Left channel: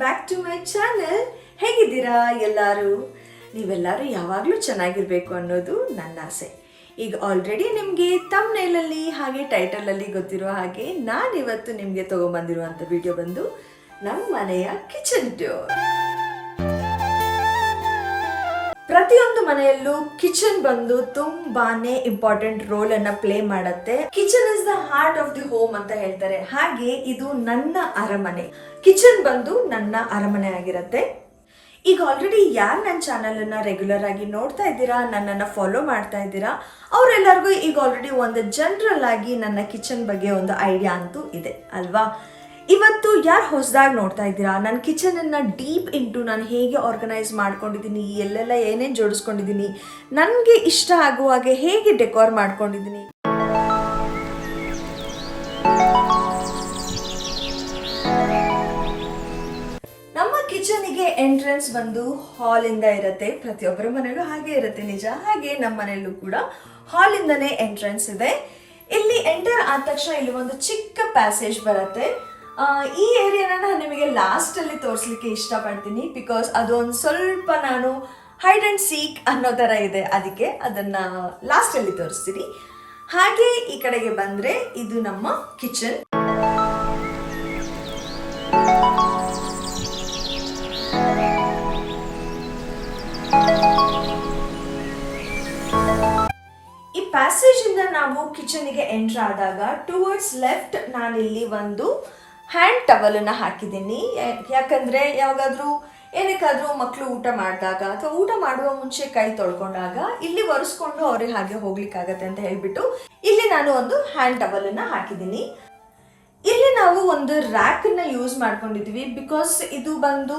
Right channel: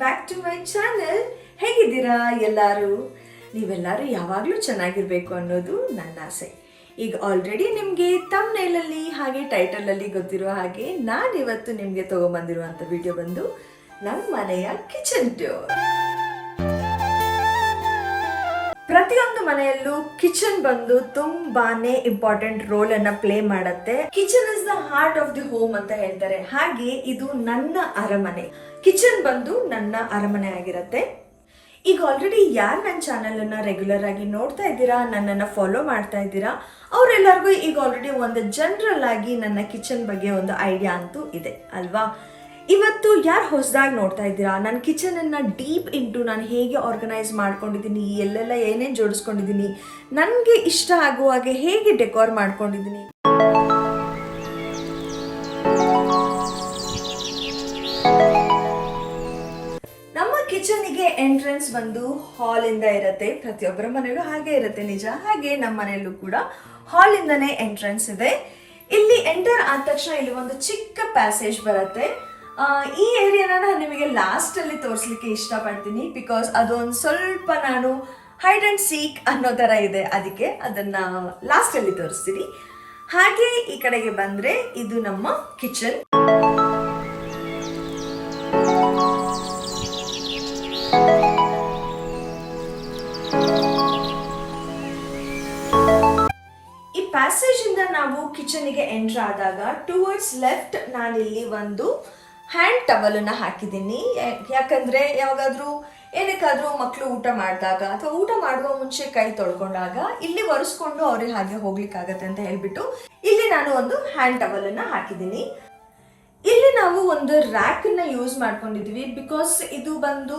Back to my channel. ಹೇಗಿದ್ದೀರಾ ಎಲ್ಲರೂ? ನೀವೆಲ್ಲರೂ ಯಾವಾಗಲೂ ಚೆನ್ನಾಗಿರಬೇಕು ಅನ್ನೋದು ನನ್ನ ಆಸೆ. ಈಗ ಆಲ್ರೆಡಿ ನಿಮಗೆ ಥಂಬ್ನೇಲಲ್ಲಿ ಹಾಗೆ ಟೈಟಲಲ್ಲಿ ಗೊತ್ತಿರೋ ಹಾಗೆ ನಾನಿವತ್ತು ನಿಮಗೆ ತೊಗೊಂಬಂದಿರುವಂಥ ವಿಡಿಯೋ ಬಂದು ನಮ್ಮ ಮನೆಯ ಕಿಚನ್ ಟೂರ್. ಪ್ರತಿಯೊಂದು ಮನೆಯಲ್ಲೂ ಕಿಚನ್ ಬಂದು ತುಂಬಾನೇ ಇಂಪಾರ್ಟೆಂಟ್ ರೋಲ್ ಅನ್ನ ಪ್ಲೇ ಮಾಡುತ್ತೆ. Kitchen is the heart of the home ಅಂತ ಹೇಳ್ತಾರೆ. ಹಾಗೆ ಇದು ನನ್ನ ಅರಮನೆ. ಕಿಚನ್ ಬಂದು ನನ್ನ ಅರಮನೆ ಆಗಿರತ್ತೆ. ಈಗ ಆಲ್ರೆಡಿ ಯಾರು ನನ್ನ ಚಾನಲ್ ಅನ್ನ ರೆಗ್ಯುಲರ್ ಆಗಿ ನೋಡ್ತಾ ಇದ್ದೀರಾ, ನನ್ನನ್ನು ಫಾಲೋ ಮಾಡ್ತಾ ಇದ್ದೀರಾ, ಅವರೆಲ್ಲರಿಗೂ ಈಗ ಆಲ್ರೆಡಿ ಒಂದು ಜನರಲ್ ಆಗಿ ನನ್ನ ಕಿಚನ್ ಬಗ್ಗೆ ಒಂದು ಐಡಿಯಾ ಅಂತೂ ಇದೆ ಅಲ್ವಾ? ಇವತ್ತು ಯಾರು ಹೊಸದಾಗಿ ನೋಡ್ತಾ ಇದ್ದೀರಾ, ನನ್ನ ಕಿಚನನ್ನು ಡೀಪ್ ಇಂಟು ನಾನು ಹೇಗೆ ಆರ್ಗನೈಸ್ ಮಾಡ್ಕೊಂಡಿದ್ದೀನಿ, ಎಲ್ಲೆಲ್ಲ ಏನೇನು ಜೋಡಿಸ್ಕೊಂಡಿದ್ದೀನಿ, ನನಗೆ ಇಷ್ಟ ಆಗುವ ಹಾಗೆ ಹೇಗೆ ಡೆಕೋರ್ ಮಾಡ್ಕೊಂಡಿದ್ದೀನಿ. ನಮ್ಮ ಕಿಚನಿಗೆ ಎಂಟ್ರೆನ್ಸ್ ಬಂದು ಹಾಲಿಂದ ಇರುತ್ತೆ. ಪ್ರತಿಯೊಬ್ಬರ ಮನೆಯಲ್ಲೂ ಹಾಗೆ ಇರುತ್ತೆ, ನಿಜ. ಹಾಗೆ ನಮ್ಮ ಮನೆಯಲ್ಲೂ ಕೂಡ ಹಾಲಿಂದನೇ ಎಂಟ್ರೆನ್ಸ್ ಇದೆ. ಇಲ್ಲಿ ಎಂಟರ್ ಆದ ತಕ್ಷಣ ಇಲ್ಲಿ ಒಂದು ಚಿಕ್ಕ ಪ್ಯಾಸೇಜ್ ಬರುತ್ತೆ. ಈ ಏರಿಯಾನ ನಾನು ನಿಮಗೆ ಲಾಸ್ಟಲ್ಲಿ ತೋರಿಸ್ಲಿಕ್ಕೆ ಇಷ್ಟಪಡ್ತೀನಿ, ಬಿಕಾಸ್ ಅದೊಂದು ಸ್ವಲ್ಪ ನಾನು ಹೈಡ್ ಆ್ಯಂಡ್ ಸೀಕ್ ಅನ್ನೋ ಥರ ಇದೆ, ಅದಕ್ಕೆ ಅದನ್ನು ಲಾಸ್ಟಲ್ಲಿ ತೋರಿಸ್ತೀನಿ. ಹಾಗೆ ಈ ಕಡೆಗೆ ಬಂದರೆ ಇದು ನಮ್ಮ ಕಿಚನ್. ಈ ಪ್ಯಾಸೇಜ್ ಇಂದ ನಾವು ಕಿಚನ್ಗೆ ಎಂಟರ್ ಆದಾಗ ಟುವರ್ಡ್ಸ್ ಲೆಫ್ಟ್ ನಾನಿಲ್ಲಿ ಒಂದು ಹ್ಯಾಂಡ್ ಟವಲನ್ನು ಹಾಕಿದ್ದೀನಿ. ಯಾಕಂದರೆ ಯಾವಾಗಾದರೂ ಏನಕ್ಕಾದರೂ ಮಕ್ಕಳು ಊಟ ಮಾಡಿದಾಗ ಅಥವಾ ಊಟ ಮಾಡುವ ಮುಂಚೆ ಕೈ ತೊಳ್ಕೊಂಡಾಗ ಇಲ್ಲಿ ಒರೆಸ್ಕೊಂಡು ಅವ್ರಿಗೆ ಹಾಗೆ ಹೋಗ್ಲಿಕ್ಕಾಗತ್ತೆ ಅಂತ ಹೇಳ್ಬಿಟ್ಟು ಇಲ್ಲಿ ನಾನು ಒಂದು ಹ್ಯಾಂಡ್ ಟವಲನ್ನು ಹಾಕಿದ್ದೀನಿ. ಇಲ್ಲಿ ನಾವು ಒಂದು ರ್ಯಾಕನ್ನು ಯೂಸ್ ಮಾಡ್ಕೊಂಡಿದ್ವಿ, ಬಿಕಾಸ್ ಇದು ಬಂದು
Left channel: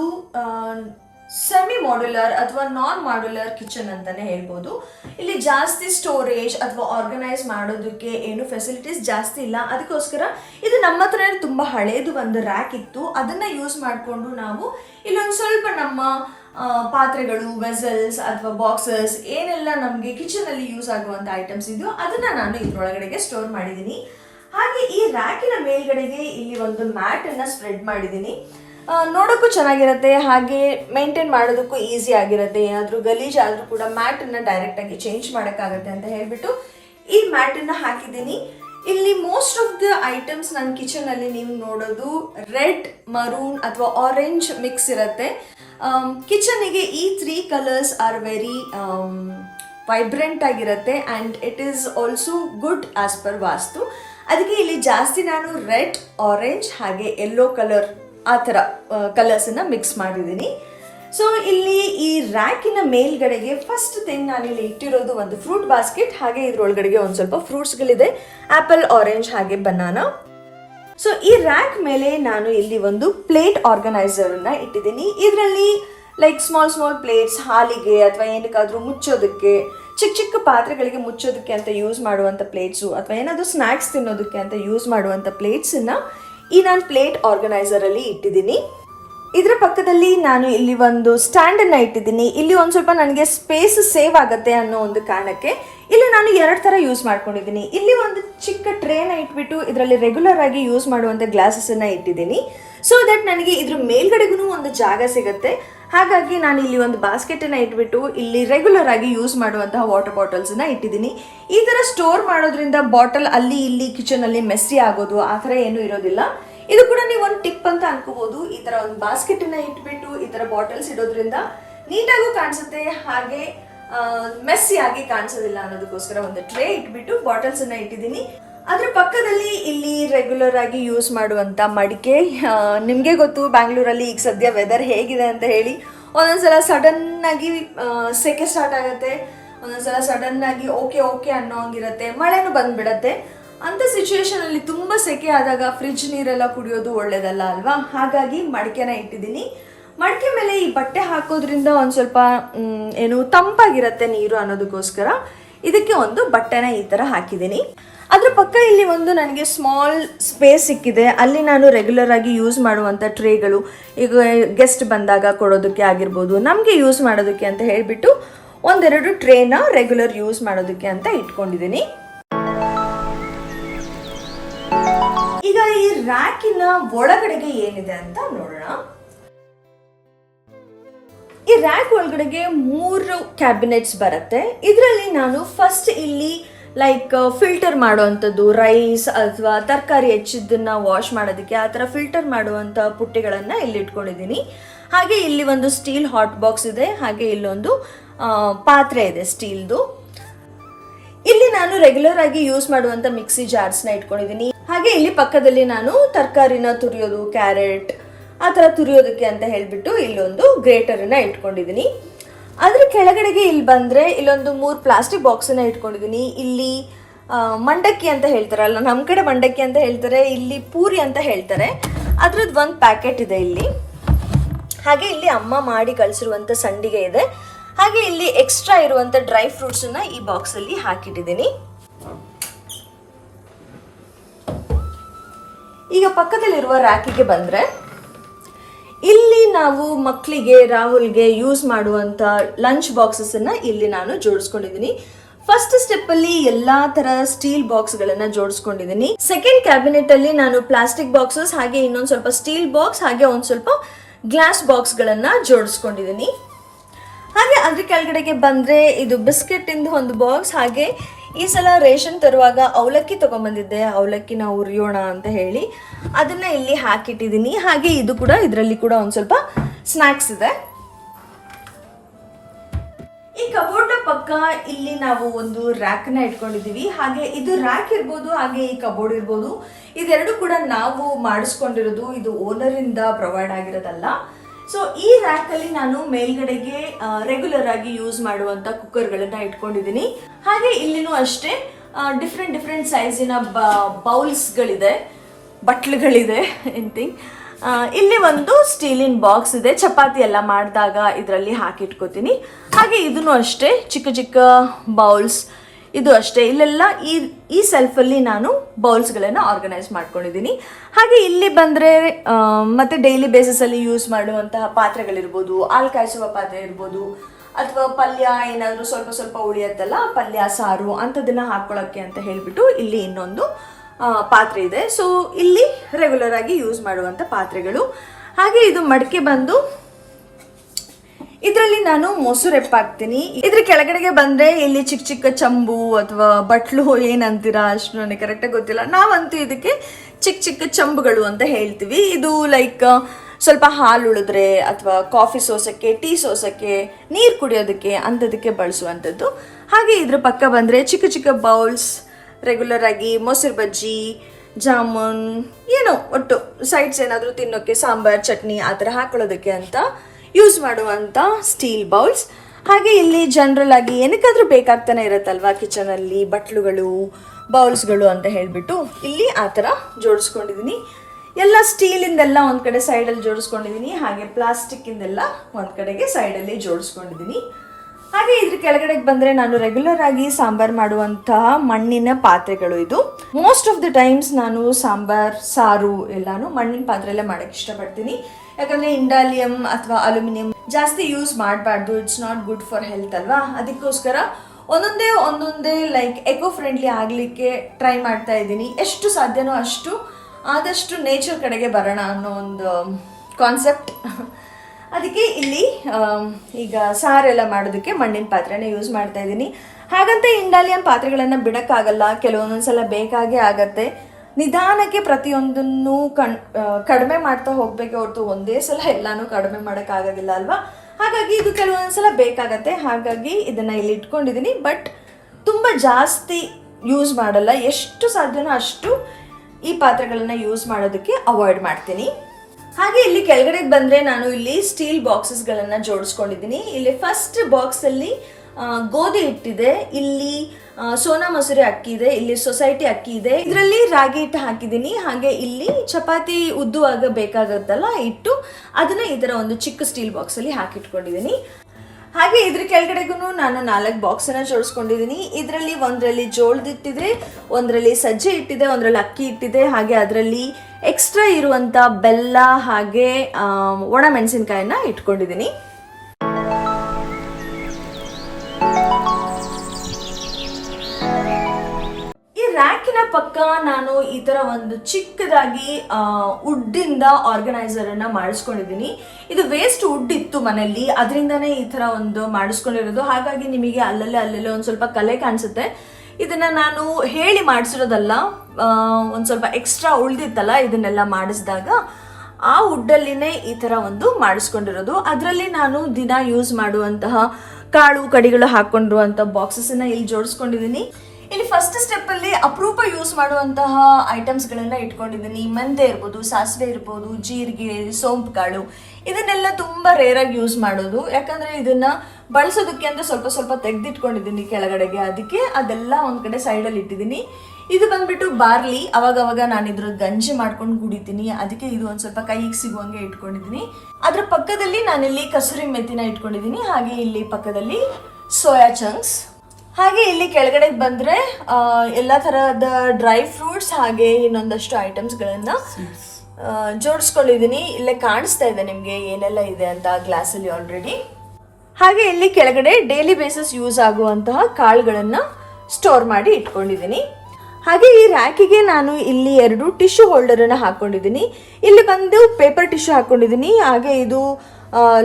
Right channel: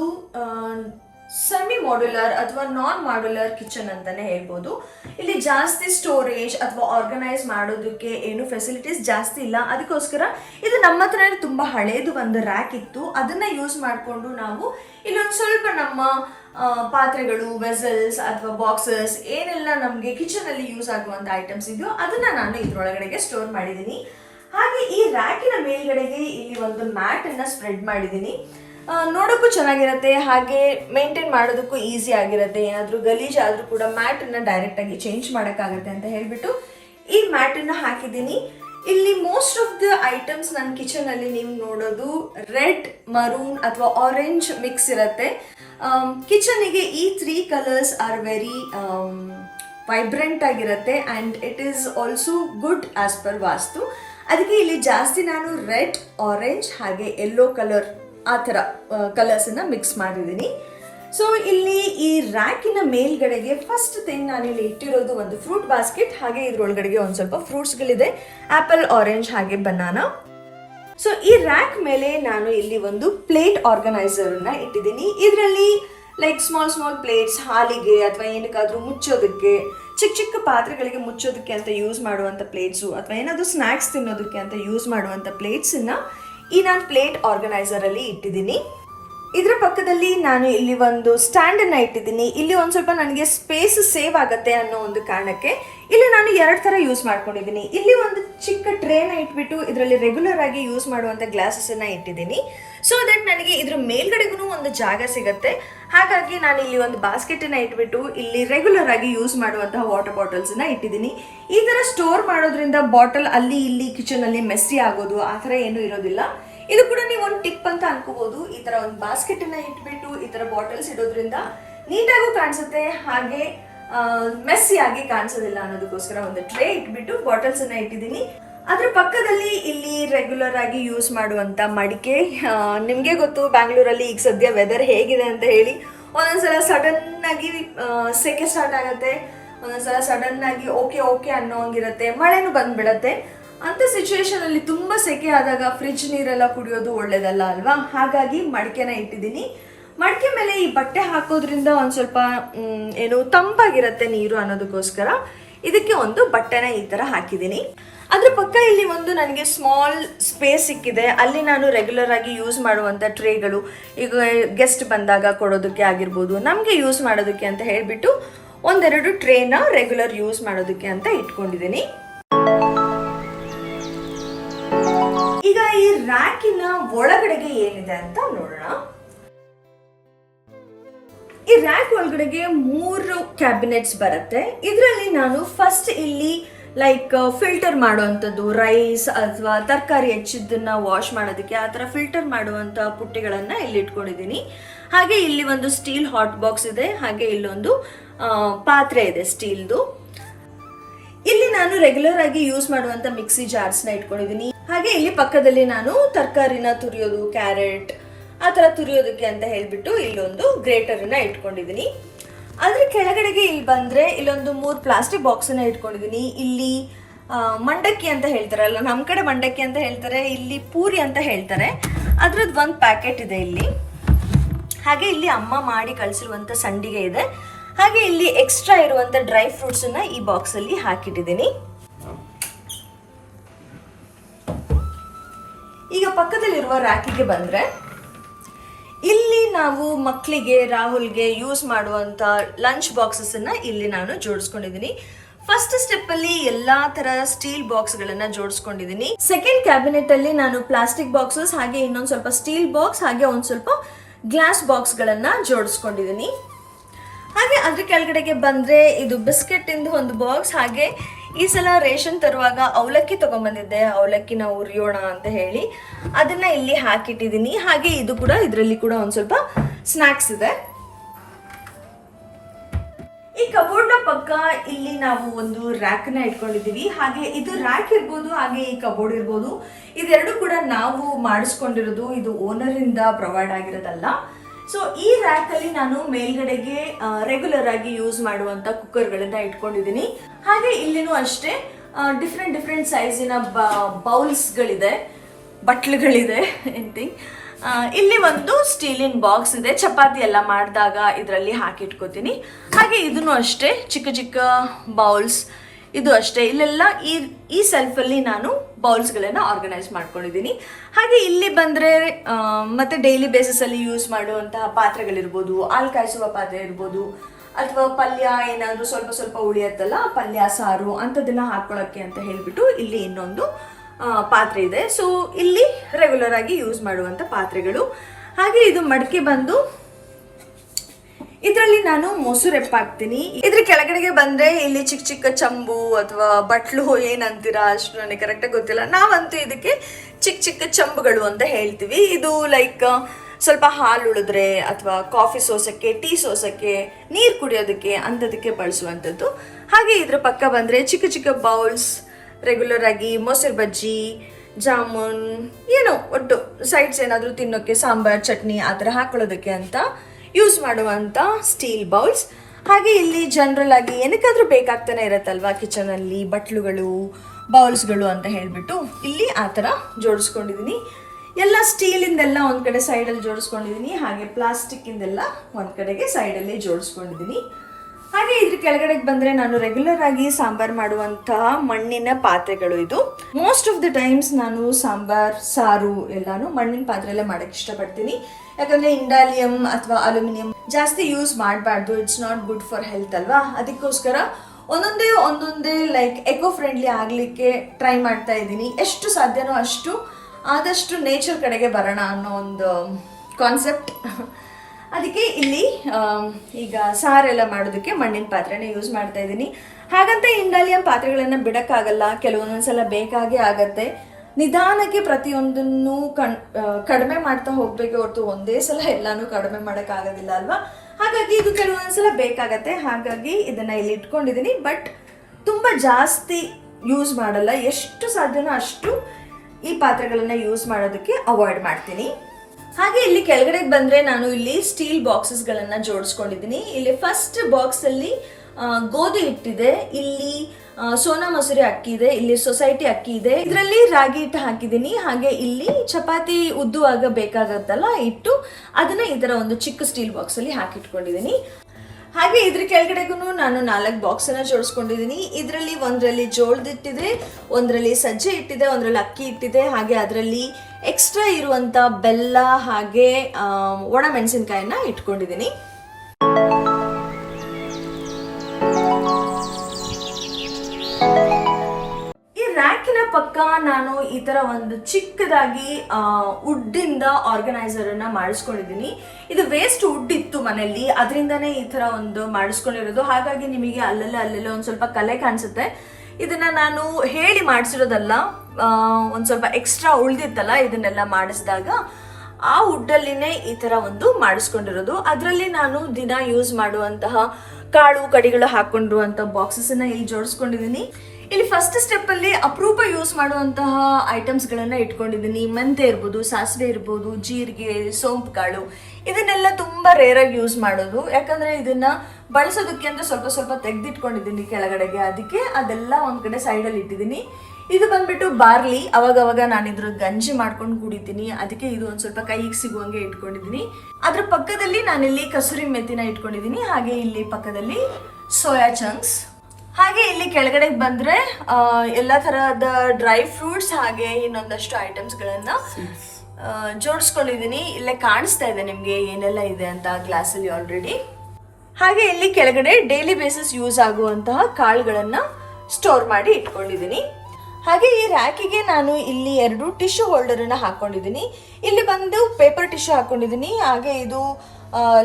ಸೆಮಿ ಮಾಡ್ಯುಲರ್ ಅಥವಾ ನಾನ್ ಮಾಡ್ಯುಲರ್ ಕಿಚನ್ ಅಂತಾನೆ ಹೇಳ್ಬೋದು. ಇಲ್ಲಿ ಜಾಸ್ತಿ ಸ್ಟೋರೇಜ್ ಅಥವಾ ಆರ್ಗನೈಸ್ ಮಾಡೋದಕ್ಕೆ ಏನು ಫೆಸಿಲಿಟೀಸ್ ಜಾಸ್ತಿ ಇಲ್ಲ. ಅದಕ್ಕೋಸ್ಕರ ಇದು ನಮ್ಮ ಹತ್ರ ತುಂಬ ಹಳೇದು ಒಂದು ರ್ಯಾಕ್ ಇತ್ತು, ಅದನ್ನ ಯೂಸ್ ಮಾಡಿಕೊಂಡು ನಾವು ಇಲ್ಲೊಂದು ಸ್ವಲ್ಪ ನಮ್ಮ ಪಾತ್ರೆಗಳು, ವೆಸಲ್ಸ್ ಅಥವಾ ಬಾಕ್ಸಸ್ ಏನೆಲ್ಲ ನಮಗೆ ಕಿಚನಲ್ಲಿ ಯೂಸ್ ಆಗುವಂಥ ಐಟಮ್ಸ್ ಇದೆಯೋ ಅದನ್ನ ನಾನು ಇದ್ರೊಳಗಡೆಗೆ ಸ್ಟೋರ್ ಮಾಡಿದ್ದೀನಿ. ಹಾಗೆ ಈ ರ್ಯಾಕಿನ ಮೇಲ್ಗಡೆಗೆ ಇಲ್ಲಿ ಒಂದು ಮ್ಯಾಟನ್ನು ಸ್ಪ್ರೆಡ್ ಮಾಡಿದ್ದೀನಿ. ನೋಡೋಕ್ಕೂ ಚೆನ್ನಾಗಿರುತ್ತೆ, ಹಾಗೆ ಮೇಂಟೈನ್ ಮಾಡೋದಕ್ಕೂ ಈಸಿ ಆಗಿರುತ್ತೆ. ಏನಾದರೂ ಗಲೀಜಾದರೂ ಕೂಡ ಮ್ಯಾಟನ್ನು ಡೈರೆಕ್ಟಾಗಿ ಚೇಂಜ್ ಮಾಡೋಕ್ಕಾಗತ್ತೆ ಅಂತ ಹೇಳ್ಬಿಟ್ಟು ಈ ಮ್ಯಾಟನ್ನು ಹಾಕಿದ್ದೀನಿ. ಇಲ್ಲಿ ಮೋಸ್ಟ್ ಆಫ್ ದ ಐಟಮ್ಸ್ ನನ್ನ ಕಿಚನಲ್ಲಿ ನೀವು ನೋಡೋದು ರೆಡ್, ಮರೂನ್ ಅಥವಾ ಆರೆಂಜ್ ಮಿಕ್ಸ್ ಇರುತ್ತೆ. ಕಿಚನಿಗೆ ಈ 3 ಕಲರ್ಸ್ ಆರ್ ವೆರಿ ವೈಬ್ರೆಂಟ್ ಆಗಿರುತ್ತೆ and it is also good as per vastu. ಅದಕ್ಕೆ ಇಲ್ಲಿ ಜಾಸ್ತಿ ನಾನು ರೆಡ್, ಆರೆಂಜ್ ಹಾಗೆ ಯೆಲ್ಲೋ ಕಲರ್ ಆ ಥರ ಕಲರ್ಸನ್ನು ಮಿಕ್ಸ್ ಮಾಡಿದ್ದೀನಿ. ಸೊ ಇಲ್ಲಿ ಈ ರ್ಯಾಕಿನ ಮೇಲ್ಗಡೆಗೆ ಫಸ್ಟ್ ಥಿಂಗ್ ನಾನಿಲ್ಲಿ ಇಟ್ಟಿರೋದು ಒಂದು ಫ್ರೂಟ್ ಬಾಸ್ಕೆಟ್. ಹಾಗೆ ಇದ್ರೊಳಗಡೆಗೆ ಒಂದು ಸ್ವಲ್ಪ ಫ್ರೂಟ್ಸ್ಗಳಿದೆ, ಆ್ಯಪಲ್, ಆರೆಂಜ್ ಹಾಗೆ ಬನಾನಾ. ಸೊ ಈ ರ್ಯಾಕ್ ಮೇಲೆ ನಾನು ಇಲ್ಲಿ ಒಂದು ಪ್ಲೇಟ್ ಆರ್ಗನೈಸರನ್ನು ಇಟ್ಟಿದ್ದೀನಿ. ಇದರಲ್ಲಿ ಲೈಕ್ ಸ್ಮಾಲ್ ಪ್ಲೇಟ್ಸ್ ಹಾಲಿಗೆ ಅಥವಾ ಏನಕ್ಕಾದರೂ ಮುಚ್ಚೋದಕ್ಕೆ, ಚಿಕ್ಕ ಚಿಕ್ಕ ಪಾತ್ರೆಗಳಿಗೆ ಮುಚ್ಚೋದಕ್ಕೆ ಅಂತ ಯೂಸ್ ಮಾಡುವಂಥ ಪ್ಲೇಟ್ಸು ಅಥವಾ ಏನಾದರೂ ಸ್ನ್ಯಾಕ್ಸ್ ತಿನ್ನೋದಕ್ಕೆ ಅಂತ ಯೂಸ್ ಮಾಡುವಂಥ ಪ್ಲೇಟ್ಸನ್ನು ಈ ನಾನು ಪ್ಲೇಟ್ ಆರ್ಗನೈಸರಲ್ಲಿ ಇಟ್ಟಿದ್ದೀನಿ. ಇದರ ಪಕ್ಕದಲ್ಲಿ ನಾನು ಇಲ್ಲಿ ಒಂದು ಸ್ಟ್ಯಾಂಡನ್ನು ಇಟ್ಟಿದ್ದೀನಿ. ಇಲ್ಲಿ ಒಂದು ಸ್ವಲ್ಪ ನನಗೆ ಸ್ಪೇಸ್ ಸೇವ್ ಆಗುತ್ತೆ ಅನ್ನೋ ಒಂದು ಕಾರಣಕ್ಕೆ ಇಲ್ಲಿ ನಾನು 2 ಥರ ಯೂಸ್ ಮಾಡ್ಕೊಂಡಿದ್ದೀನಿ. ಇಲ್ಲಿ ಒಂದು ಚಿಕ್ಕ ಟ್ರೇನ ಇಟ್ಬಿಟ್ಟು ಇದರಲ್ಲಿ ರೆಗ್ಯುಲರ್ ಆಗಿ ಯೂಸ್ ಮಾಡುವಂಥ ಗ್ಲಾಸಸನ್ನು ಇಟ್ಟಿದ್ದೀನಿ, ಸೊ ದಟ್ ನನಗೆ ಇದ್ರ ಮೇಲ್ಗಡೆಗೂ ಒಂದು ಜಾಗ ಸಿಗುತ್ತೆ. ಹಾಗಾಗಿ ನಾನು ಇಲ್ಲಿ ಒಂದು ಬಾಸ್ಕೆಟನ್ನು ಇಟ್ಬಿಟ್ಟು ಇಲ್ಲಿ ರೆಗ್ಯುಲರ್ ಆಗಿ ಯೂಸ್ ಮಾಡುವಂತಹ ವಾಟರ್ ಬಾಟಲ್ಸನ್ನು ಇಟ್ಟಿದ್ದೀನಿ. ಈ ಥರ ಸ್ಟೋರ್ ಮಾಡೋದ್ರಿಂದ ಬಾಟಲ್ ಅಲ್ಲಿ ಇಲ್ಲಿ ಕಿಚನಲ್ಲಿ ಮೆಸ್ಸಿ ಆಗೋದು ಆ ಥರ ಏನೂ ಇರೋದಿಲ್ಲ. ಇದು ಕೂಡ ನೀವು ಒಂದು ಟಿಪ್ ಅಂತ ಅನ್ಕೋಬಹುದು. ಈ ಥರ ಒಂದು ಬಾಸ್ಕೆಟನ್ನು ಇಟ್ಬಿಟ್ಟು ಈ ಥರ ಬಾಟಲ್ಸ್ ಇಡೋದ್ರಿಂದ ನೀಟಾಗೂ ಕಾಣಿಸುತ್ತೆ, ಹಾಗೆ ಮೆಸ್ಸಿ ಆಗಿ ಕಾಣಿಸೋದಿಲ್ಲ ಅನ್ನೋದಕ್ಕೋಸ್ಕರ ಒಂದು ಟ್ರೇ ಇಟ್ಬಿಟ್ಟು ಬಾಟಲ್ಸನ್ನು ಇಟ್ಟಿದ್ದೀನಿ. ಅದ್ರ ಪಕ್ಕದಲ್ಲಿ ಇಲ್ಲಿ ರೆಗ್ಯುಲರ್ ಆಗಿ ಯೂಸ್ ಮಾಡುವಂಥ ಮಡಿಕೆ. ನಿಮಗೆ ಗೊತ್ತು ಬ್ಯಾಂಗ್ಳೂರಲ್ಲಿ ಈಗ ಸದ್ಯ ವೆದರ್ ಹೇಗಿದೆ ಅಂತ ಹೇಳಿ. ಒಂದೊಂದ್ಸಲ ಸಡನ್ ಆಗಿ ಸೆಕೆ ಸ್ಟಾರ್ಟ್ ಆಗುತ್ತೆ, ಒಂದೊಂದ್ಸಲ ಸಡನ್ ಆಗಿ ಓಕೆ ಅನ್ನೋ ಹಂಗಿರುತ್ತೆ, ಮಳೆನೂ ಬಂದ್ಬಿಡತ್ತೆ. ಅಂಥ ಸಿಚುವೇಶನಲ್ಲಿ ತುಂಬ ಸೆಕೆ ಆದಾಗ ಫ್ರಿಜ್ ನೀರೆಲ್ಲ ಕುಡಿಯೋದು ಒಳ್ಳೇದಲ್ಲ ಅಲ್ವಾ? ಹಾಗಾಗಿ ಮಡಿಕೆನ ಇಟ್ಟಿದ್ದೀನಿ. ಮಡಿಕೆ ಮೇಲೆ ಈ ಬಟ್ಟೆ ಹಾಕೋದ್ರಿಂದ ಒಂದು ಸ್ವಲ್ಪ ಏನು ತಂಪಾಗಿರುತ್ತೆ ನೀರು ಅನ್ನೋದಕ್ಕೋಸ್ಕರ ಇದಕ್ಕೆ ಒಂದು ಬಟ್ಟೆನ ಈ ಥರ ಹಾಕಿದ್ದೀನಿ. ಅದ್ರ ಪಕ್ಕ ಇಲ್ಲಿ ಒಂದು ನನಗೆ ಸ್ಮಾಲ್ ಸ್ಪೇಸ್ ಸಿಕ್ಕಿದೆ. ಅಲ್ಲಿ ನಾನು ರೆಗ್ಯುಲರ್ ಆಗಿ ಯೂಸ್ ಮಾಡುವಂಥ ಟ್ರೇಗಳು, ಈಗ ಗೆಸ್ಟ್ ಬಂದಾಗ ಕೊಡೋದಕ್ಕೆ ಆಗಿರ್ಬೋದು, ನಮಗೆ ಯೂಸ್ ಮಾಡೋದಕ್ಕೆ ಅಂತ ಹೇಳಿಬಿಟ್ಟು 1-2 ಟ್ರೇನ ರೆಗ್ಯುಲರ್ ಯೂಸ್ ಮಾಡೋದಕ್ಕೆ ಅಂತ ಇಟ್ಕೊಂಡಿದ್ದೀನಿ. ಈಗ ಈ ರ್ಯಾಕಿನ ಒಳಗಡೆಗೆ ಏನಿದೆ ಅಂತ ನೋಡೋಣ. ಈ ರ್ಯಾಕ್ ಒಳಗಡೆಗೆ 3 ಕ್ಯಾಬಿನೆಟ್ಸ್ ಬರುತ್ತೆ. ಇದರಲ್ಲಿ ನಾನು ಫಸ್ಟ್ ಇಲ್ಲಿ ಲೈಕ್ ಫಿಲ್ಟರ್ ಮಾಡುವಂಥದ್ದು, ರೈಸ್ ಅಥವಾ ತರಕಾರಿ ಹೆಚ್ಚಿದ್ದನ್ನ ವಾಶ್ ಮಾಡೋದಕ್ಕೆ ಆ ಥರ ಫಿಲ್ಟರ್ ಮಾಡುವಂಥ ಪುಟ್ಟಿಗಳನ್ನು ಇಲ್ಲಿ ಇಟ್ಕೊಂಡಿದ್ದೀನಿ. ಹಾಗೆ ಇಲ್ಲಿ ಒಂದು ಸ್ಟೀಲ್ ಹಾಟ್ ಬಾಕ್ಸ್ ಇದೆ, ಹಾಗೆ ಇಲ್ಲೊಂದು ಪಾತ್ರೆ ಇದೆ ಸ್ಟೀಲ್ದು. ಇಲ್ಲಿ ನಾನು ರೆಗ್ಯುಲರ್ ಆಗಿ ಯೂಸ್ ಮಾಡುವಂಥ ಮಿಕ್ಸಿ ಜಾರ್ಸ್ನ ಇಟ್ಕೊಂಡಿದ್ದೀನಿ. ಹಾಗೆ ಇಲ್ಲಿ ಪಕ್ಕದಲ್ಲಿ ನಾನು ತರಕಾರಿನ ತುರಿಯೋದು, ಕ್ಯಾರೆಟ್ ಆ ಥರ ತುರಿಯೋದಕ್ಕೆ ಅಂತ ಹೇಳ್ಬಿಟ್ಟು ಇಲ್ಲೊಂದು ಗ್ರೇಟರ್ನ ಇಟ್ಕೊಂಡಿದ್ದೀನಿ. ಅದ್ರ ಕೆಳಗಡೆಗೆ ಇಲ್ಲಿ ಬಂದರೆ ಇಲ್ಲೊಂದು 3 ಪ್ಲಾಸ್ಟಿಕ್ ಬಾಕ್ಸನ್ನ ಇಟ್ಕೊಂಡಿದ್ದೀನಿ. ಇಲ್ಲಿ ಮಂಡಕ್ಕಿ ಅಂತ ಹೇಳ್ತಾರಲ್ಲ, ನಮ್ಮ ಕಡೆ ಮಂಡಕ್ಕಿ ಅಂತ ಹೇಳ್ತಾರೆ, ಇಲ್ಲಿ ಪೂರಿ ಅಂತ ಹೇಳ್ತಾರೆ, ಅದ್ರದ್ದು ಒಂದು ಪ್ಯಾಕೆಟ್ ಇದೆ ಇಲ್ಲಿ. ಹಾಗೆ ಇಲ್ಲಿ ಅಮ್ಮ ಮಾಡಿ ಕಳಿಸಿರುವಂಥ ಸಂಡಿಗೆ ಇದೆ. ಹಾಗೆ ಇಲ್ಲಿ ಎಕ್ಸ್ಟ್ರಾ ಇರುವಂಥ ಡ್ರೈ ಫ್ರೂಟ್ಸನ್ನ ಈ ಬಾಕ್ಸಲ್ಲಿ ಹಾಕಿಟ್ಟಿದ್ದೀನಿ. ಈಗ ಪಕ್ಕದಲ್ಲಿರುವ ರ್ಯಾಕಿಗೆ ಬಂದರೆ ಇಲ್ಲಿ ನಾವು ಮಕ್ಕಳಿಗೆ, ರಾಹುಲ್ಗೆ ಯೂಸ್ ಮಾಡುವಂಥ ಲಂಚ್ ಬಾಕ್ಸಸ್ಸನ್ನು ಇಲ್ಲಿ ನಾನು ಜೋಡಿಸ್ಕೊಂಡಿದ್ದೀನಿ. ಫಸ್ಟ್ ಸ್ಟೆಪ್ ಅಲ್ಲಿ ಎಲ್ಲಾ ತರ ಸ್ಟೀಲ್ ಬಾಕ್ಸ್ಗಳನ್ನ ಜೋಡಿಸ್ಕೊಂಡಿದ್ದೀನಿ. ಸೆಕೆಂಡ್ ಕ್ಯಾಬಿನೆಟ್ ಅಲ್ಲಿ ನಾನು ಪ್ಲಾಸ್ಟಿಕ್ ಬಾಕ್ಸಸ್, ಹಾಗೆ ಇನ್ನೊಂದು ಸ್ವಲ್ಪ ಸ್ಟೀಲ್ ಬಾಕ್ಸ್, ಹಾಗೆ ಒಂದು ಸ್ವಲ್ಪ ಗ್ಲಾಸ್ ಬಾಕ್ಸ್ಗಳನ್ನ ಜೋಡಿಸ್ಕೊಂಡಿದ್ದೀನಿ. ಹಾಗೆ ಅದ್ರ ಕೆಳಗಡೆಗೆ ಬಂದ್ರೆ ಇದು ಬಿಸ್ಕೆಟ್ ಇಂದ ಒಂದು ಬಾಕ್ಸ್, ಹಾಗೆ ಈ ಸಲ ರೇಷನ್ ತರುವಾಗ ಅವಲಕ್ಕಿ ತಗೊಂಡ್ಬಂದಿದ್ದೆ, ಅವಲಕ್ಕಿನ ಉರಿಯೋಣ ಅಂತ ಹೇಳಿ ಅದನ್ನ ಇಲ್ಲಿ ಹಾಕಿಟ್ಟಿದ್ದೀನಿ. ಹಾಗೆ ಇದು ಕೂಡ, ಇದರಲ್ಲಿ ಕೂಡ ಒಂದು ಸ್ವಲ್ಪ ಸ್ನಾಕ್ಸ್ ಇದೆ. ಈ ಕಬೋರ್ಡ್ ನ ಪಕ್ಕ ಇಲ್ಲಿ ನಾವು ಒಂದು ರ್ಯಾಕ್ ನ ಇಟ್ಕೊಂಡಿದೀವಿ. ಹಾಗೆ ಇದು ರ್ಯಾಕ್ ಇರ್ಬೋದು, ಹಾಗೆ ಈ ಕಬೋರ್ಡ್ ಇರ್ಬೋದು, ಇದೆರಡು ಕೂಡ ನಾವು ಮಾಡಿಸ್ಕೊಂಡಿರೋದು, ಇದು ಓನರ್ ಇಂದ ಪ್ರೊವೈಡ್ ಆಗಿರೋದಲ್ಲ. ಸೊ ಈ ರ್ಯಾಕ್ ಅಲ್ಲಿ ನಾನು ಮೇಲ್ಗಡೆಗೆ ರೆಗ್ಯುಲರ್ ಆಗಿ ಯೂಸ್ ಮಾಡುವಂತ ಕುಕ್ಕರ್ಗಳನ್ನ ಇಟ್ಕೊಂಡಿದ್ದೀನಿ. ಹಾಗೆ ಇಲ್ಲಿನೂ ಅಷ್ಟೇ ಡಿಫ್ರೆಂಟ್ ಸೈಜಿನ ಬೌಲ್ಸ್ಗಳಿದೆ, ಬಟ್ಲುಗಳಿದೆ ಎಂತಿಂಗ್. ಇಲ್ಲಿ ಒಂದು ಸ್ಟೀಲಿನ ಬಾಕ್ಸ್ ಇದೆ, ಚಪಾತಿ ಎಲ್ಲ ಮಾಡಿದಾಗ ಇದರಲ್ಲಿ ಹಾಕಿಟ್ಕೋತೀನಿ. ಹಾಗೆ ಇದನ್ನು ಅಷ್ಟೇ ಚಿಕ್ಕ ಚಿಕ್ಕ ಬೌಲ್ಸ್, ಇದು ಅಷ್ಟೇ. ಇಲ್ಲೆಲ್ಲ ಈ ಸೆಲ್ಫಲ್ಲಿ ನಾನು ಬೌಲ್ಸ್ಗಳನ್ನು ಆರ್ಗನೈಸ್ ಮಾಡ್ಕೊಂಡಿದ್ದೀನಿ. ಹಾಗೆ ಇಲ್ಲಿ ಬಂದರೆ ಮತ್ತೆ ಡೈಲಿ ಬೇಸಿಸಲ್ಲಿ ಯೂಸ್ ಮಾಡುವಂತಹ ಪಾತ್ರೆಗಳಿರ್ಬೋದು, ಹಾಲು ಕಾಯಿಸುವ ಪಾತ್ರೆ ಇರ್ಬೋದು, ಅಥವಾ ಪಲ್ಯ ಏನಾದರೂ ಸ್ವಲ್ಪ ಉಳಿಯತ್ತಲ್ಲ, ಪಲ್ಯ ಸಾರು ಅಂಥದ್ದನ್ನ ಹಾಕ್ಕೊಳ್ಳೋಕ್ಕೆ ಅಂತ ಹೇಳಿಬಿಟ್ಟು ಇಲ್ಲಿ ಇನ್ನೊಂದು ಪಾತ್ರೆ ಇದೆ. ಸೊ ಇಲ್ಲಿ ರೆಗ್ಯುಲರ್ ಆಗಿ ಯೂಸ್ ಮಾಡುವಂಥ ಪಾತ್ರೆಗಳು. ಹಾಗೆ ಇದು ಮಡಿಕೆ ಬಂದು ಇದರಲ್ಲಿ ನಾನು ಮೊಸರು ಎಪ್ಪಾಕ್ತೀನಿ. ಇದ್ರ ಕೆಳಗಡೆಗೆ ಬಂದ್ರೆ ಇಲ್ಲಿ ಚಿಕ್ಕ ಚಿಕ್ಕ ಚಂಬು ಅಥವಾ ಬಟ್ಲು ಏನಂತೀರಾ ಅಷ್ಟು ನನಗೆ ಕರೆಕ್ಟಾಗಿ ಗೊತ್ತಿಲ್ಲ, ನಾವಂತೂ ಇದಕ್ಕೆ ಚಿಕ್ಕ ಚಿಕ್ಕ ಚಂಬುಗಳು ಅಂತ ಹೇಳ್ತೀವಿ. ಇದು ಲೈಕ್ ಸ್ವಲ್ಪ ಹಾಲು ಉಳಿದ್ರೆ ಅಥವಾ ಕಾಫಿ ಸೋಸಕ್ಕೆ, ಟೀ ಸೋಸಕ್ಕೆ, ನೀರು ಕುಡಿಯೋದಕ್ಕೆ ಅಂಥದಕ್ಕೆ ಬಳಸುವಂಥದ್ದು. ಹಾಗೆ ಇದ್ರ ಪಕ್ಕ ಬಂದರೆ ಚಿಕ್ಕ ಚಿಕ್ಕ ಬೌಲ್ಸ್, ರೆಗ್ಯುಲರ್ ಆಗಿ ಮೊಸರು ಬಜ್ಜಿ, ಜಾಮೂನ್, ಏನೋ ಒಟ್ಟು ಸೈಡ್ಸ್ ಏನಾದರೂ ತಿನ್ನೋಕ್ಕೆ, ಸಾಂಬಾರ್ ಚಟ್ನಿ ಆ ಥರ ಹಾಕೊಳ್ಳೋದಕ್ಕೆ ಅಂತ ಯೂಸ್ ಮಾಡುವಂಥ ಸ್ಟೀಲ್ ಬೌಲ್ಸ್. ಹಾಗೆ ಇಲ್ಲಿ ಜನರಲ್ ಆಗಿ ಏನಕ್ಕಾದ್ರೂ ಬೇಕಾಗ್ತಾನೆ ಇರತ್ತಲ್ವಾ ಕಿಚನಲ್ಲಿ, ಬಟ್ಲುಗಳು, ಬೌಲ್ಸ್ಗಳು ಅಂತ ಹೇಳಿಬಿಟ್ಟು ಇಲ್ಲಿ ಆ ಥರ ಜೋಡಿಸ್ಕೊಂಡಿದ್ದೀನಿ. ಎಲ್ಲ ಸ್ಟೀಲಿಂದೆಲ್ಲ ಒಂದು ಕಡೆ ಸೈಡಲ್ಲಿ ಜೋಡಿಸ್ಕೊಂಡಿದ್ದೀನಿ, ಹಾಗೆ ಪ್ಲಾಸ್ಟಿಕ್ಕಿಂದೆಲ್ಲ ಒಂದು ಕಡೆಗೆ ಸೈಡಲ್ಲಿ ಜೋಡಿಸ್ಕೊಂಡಿದ್ದೀನಿ. ಹಾಗೆ ಇದ್ರ ಕೆಳಗಡೆಗೆ ಬಂದರೆ ನಾನು ರೆಗ್ಯುಲರ್ ಆಗಿ ಸಾಂಬಾರ್ ಮಾಡುವಂತಹ ಮಣ್ಣಿನ ಪಾತ್ರೆಗಳು ಇದು. ಮೋಸ್ಟ್ ಆಫ್ ದಿ ಟೈಮ್ಸ್ ನಾನು ಸಾಂಬಾರ್, ಸಾರು ಎಲ್ಲಾನು ಮಣ್ಣಿನ ಪಾತ್ರೆಯಲ್ಲೇ ಮಾಡೋಕ್ಕೆ ಇಷ್ಟಪಡ್ತೀನಿ. ಯಾಕಂದರೆ ಇಂಡಾಲಿಯಂ ಅಥವಾ ಅಲ್ಯೂಮಿನಿಯಂ ಜಾಸ್ತಿ ಯೂಸ್ ಮಾಡಬಾರ್ದು, it's not good for health ಅಲ್ವಾ. ಅದಕ್ಕೋಸ್ಕರ ಒಂದೊಂದೇ ಲೈಕ್ ಎಕೋ ಫ್ರೆಂಡ್ಲಿ ಆಗಲಿಕ್ಕೆ ಟ್ರೈ ಮಾಡ್ತಾ ಇದ್ದೀನಿ. ಎಷ್ಟು ಸಾಧ್ಯನೋ ಅಷ್ಟು ಆದಷ್ಟು ನೇಚರ್ ಕಡೆಗೆ ಬರೋಣ ಅನ್ನೋ ಒಂದು ಕಾನ್ಸೆಪ್ಟ್. ಅದಕ್ಕೆ ಇಲ್ಲಿ ಈಗ ಸಾರೆಲ್ಲ ಮಾಡೋದಕ್ಕೆ ಮಣ್ಣಿನ ಪಾತ್ರೆನ ಯೂಸ್ ಮಾಡ್ತಾ ಇದ್ದೀನಿ. ಹಾಗಂತ ಇಂಡಾಲಿಯಂ ಪಾತ್ರೆಗಳನ್ನು ಬಿಡೋಕ್ಕಾಗಲ್ಲ, ಕೆಲವೊಂದೊಂದ್ಸಲ ಬೇಕಾಗೇ ಆಗತ್ತೆ. ನಿಧಾನಕ್ಕೆ ಪ್ರತಿಯೊಂದನ್ನು ಕಡಿಮೆ ಮಾಡ್ತಾ ಹೋಗ್ಬೇಕು ಹೊರತು ಒಂದೇ ಸಲ ಎಲ್ಲಾನು ಕಡಿಮೆ ಮಾಡೋಕ್ಕಾಗೋದಿಲ್ಲ ಅಲ್ವಾ. ಹಾಗಾಗಿ ಇದು ಕೆಲವೊಂದ್ಸಲ ಬೇಕಾಗತ್ತೆ, ಹಾಗಾಗಿ ಇದನ್ನ ಇಲ್ಲಿ ಇಟ್ಕೊಂಡಿದ್ದೀನಿ. ಬಟ್ ತುಂಬ ಜಾಸ್ತಿ ಯೂಸ್ ಮಾಡಲ್ಲ, ಎಷ್ಟು ಸಾಧ್ಯನೋ ಅಷ್ಟು ಈ ಪಾತ್ರೆಗಳನ್ನ ಯೂಸ್ ಮಾಡೋದಕ್ಕೆ ಅವಾಯ್ಡ್ ಮಾಡ್ತೀನಿ. ಹಾಗೆ ಇಲ್ಲಿ ಕೆಳಗಡೆಗೆ ಬಂದರೆ ನಾನು ಇಲ್ಲಿ ಸ್ಟೀಲ್ ಬಾಕ್ಸಸ್ಗಳನ್ನು ಜೋಡಿಸ್ಕೊಂಡಿದ್ದೀನಿ. ಇಲ್ಲಿ ಫಸ್ಟ್ ಬಾಕ್ಸಲ್ಲಿ ಗೋಧಿ ಹಿಟ್ಟಿದೆ, ಇಲ್ಲಿ ಸೋನಾ ಮಸೂರಿ ಅಕ್ಕಿ ಇದೆ, ಇಲ್ಲಿ ಸೊಸೈಟಿ ಅಕ್ಕಿ ಇದೆ, ಇದರಲ್ಲಿ ರಾಗಿ ಹಿಟ್ಟು ಹಾಕಿದ್ದೀನಿ. ಹಾಗೆ ಇಲ್ಲಿ ಚಪಾತಿ ಉದ್ದುವಾಗ ಬೇಕಾಗುತ್ತಲ್ಲ ಹಿಟ್ಟು, ಅದನ್ನ ಈ ಥರ ಒಂದು ಚಿಕ್ಕ ಸ್ಟೀಲ್ ಬಾಕ್ಸಲ್ಲಿ ಹಾಕಿಟ್ಕೊಂಡಿದ್ದೀನಿ. ಹಾಗೆ ಇದ್ರ ಕೆಳಗಡೆಗೂ ನಾನು 4 ಬಾಕ್ಸನ್ನು ಜೋಡಿಸ್ಕೊಂಡಿದ್ದೀನಿ. ಇದರಲ್ಲಿ ಒಂದರಲ್ಲಿ ಜೋಳದ ಹಿಟ್ಟಿದೆ, ಒಂದರಲ್ಲಿ ಸಜ್ಜೆ ಹಿಟ್ಟಿದೆ, ಒಂದರಲ್ಲಿ ಅಕ್ಕಿ ಹಿಟ್ಟಿದೆ, ಹಾಗೆ ಅದರಲ್ಲಿ ಎಕ್ಸ್ಟ್ರಾ ಇರುವಂಥ ಬೆಲ್ಲ ಹಾಗೆ ಒಣ ಮೆಣಸಿನ್ಕಾಯಿನ ಇಟ್ಕೊಂಡಿದ್ದೀನಿ. ಈ ರ್ಯಾಕಿನ ಪಕ್ಕ ನಾನು ಈ ತರ ಒಂದು ಚಿಕ್ಕದಾಗಿ ವುಡ್ಡಿಂದ ಆರ್ಗನೈಸರ್ ಅನ್ನ ಮಾಡಿಸ್ಕೊಂಡಿದ್ದೀನಿ. ಇದು ವೇಸ್ಟ್ ವುಡ್ ಇತ್ತು ಮನೆಯಲ್ಲಿ, ಅದರಿಂದನೇ ಈ ತರ ಒಂದು ಮಾಡಿಸ್ಕೊಂಡಿರೋದು. ಹಾಗಾಗಿ ನಿಮಗೆ ಅಲ್ಲಲ್ಲೇ ಒಂದು ಸ್ವಲ್ಪ ಕಲೆ ಕಾಣಿಸುತ್ತೆ. ಇದನ್ನ ನಾನು ಹೇಳಿ ಮಾಡಿಸಿರೋದಲ್ಲ, ಒಂದು ಸ್ವಲ್ಪ ಎಕ್ಸ್ಟ್ರಾ ಉಳ್ದಿತ್ತಲ್ಲ ಇದನ್ನೆಲ್ಲ ಮಾಡಿಸಿದಾಗ ಆ ವುಡ್ಡಲ್ಲಿನೇ ಈ ತರ ಒಂದು ಮಾಡಿಸ್ಕೊಂಡಿರೋದು. ಅದರಲ್ಲಿ ನಾನು ದಿನ ಯೂಸ್ ಮಾಡುವಂತಹ ಕಾಳು ಕಡಿಗಳು ಹಾಕೊಂಡಿರುವಂತಹ ಬಾಕ್ಸಸ್ ಅನ್ನ ಇಲ್ಲಿ ಜೋಡಿಸ್ಕೊಂಡಿದ್ದೀನಿ. ಇಲ್ಲಿ ಫಸ್ಟ್ ಸ್ಟೆಪ್ ಅಲ್ಲಿ ಅಪರೂಪ ಯೂಸ್ ಮಾಡುವಂತಹ ಐಟಮ್ಸ್ ಗಳನ್ನ ಇಟ್ಕೊಂಡಿದ್ದೀನಿ. ಮೆಂತೆ ಇರ್ಬೋದು, ಸಾಸಿವೆ ಇರ್ಬೋದು, ಜೀರಿಗೆ, ಸೋಂಪು ಕಾಳು, ಇದನ್ನೆಲ್ಲ ತುಂಬಾ ರೇರ್ ಆಗಿ ಯೂಸ್ ಮಾಡೋದು. ಯಾಕಂದ್ರೆ ಇದನ್ನ ಬಳಸೋದಕ್ಕೆ ಅಂತ ಸ್ವಲ್ಪ ತೆಗೆದಿಟ್ಕೊಂಡಿದ್ದೀನಿ ಕೆಳಗಡೆಗೆ, ಅದಕ್ಕೆ ಅದೆಲ್ಲ ಒಂದ್ ಕಡೆ ಸೈಡ್ ಅಲ್ಲಿ ಇಟ್ಟಿದ್ದೀನಿ. ಇದು ಬಂದ್ಬಿಟ್ಟು ಬಾರ್ಲಿ, ಅವಾಗವಾಗ ನಾನು ಇದ್ರ ಗಂಜಿ ಮಾಡ್ಕೊಂಡು ಕುಡಿತೀನಿ, ಅದಕ್ಕೆ ಇದು ಒಂದ್ ಸ್ವಲ್ಪ ಕೈಗೆ ಸಿಗುವಂಗೆ ಇಟ್ಕೊಂಡಿದ್ದೀನಿ. ಅದ್ರ ಪಕ್ಕದಲ್ಲಿ ನಾನಿಲ್ಲಿ ಕಸೂರಿ ಮೆಥಿನ ಇಟ್ಕೊಂಡಿದ್ದೀನಿ, ಹಾಗೆ ಇಲ್ಲಿ ಪಕ್ಕದಲ್ಲಿ ಸೋಯಾ ಚಂಕ್ಸ್. ಹಾಗೆ ಇಲ್ಲಿ ಕೆಳಗಡೆ ಬಂದ್ರೆ ಎಲ್ಲಾ ತರಹದ ಡ್ರೈ ಫ್ರೂಟ್ಸ್ ಹಾಗೆ ಇನ್ನೊಂದಷ್ಟು ಐಟಮ್ಸ್ ಗಳನ್ನ ಜೋಡಿಸ್ಕೊಂಡಿದ್ದೀನಿ. ಇಲ್ಲೇ ಕಾಣಿಸ್ತಾ ಇದೆ ನಿಮ್ಗೆ ಏನೆಲ್ಲ ಇದೆ ಅಂತ ಗ್ಲಾಸ್ ಅಲ್ಲಿ ಆಲ್ರೆಡಿ. ಹಾಗೆ ಇಲ್ಲಿ ಕೆಳಗಡೆ ಡೈಲಿ ಬೇಸಿಸ್ ಯೂಸ್ ಆಗುವಂತಹ ಕಾಳುಗಳನ್ನ ಸ್ಟೋರ್ ಮಾಡಿ ಇಟ್ಕೊಂಡಿದ್ದೀನಿ. ಹಾಗೆ ಈ ರ್ಯಾಕಿಗೆ ನಾನು ಇಲ್ಲಿ 2 ಟಿಶ್ಯೂ ಹೋಲ್ಡರ್ ಅನ್ನ ಹಾಕೊಂಡಿದ್ದೀನಿ. ಇಲ್ಲಿ ಬಂದು ಪೇಪರ್ ಟಿಶ್ಯೂ ಹಾಕೊಂಡಿದ್ದೀನಿ. ಹಾಗೆ ಇದು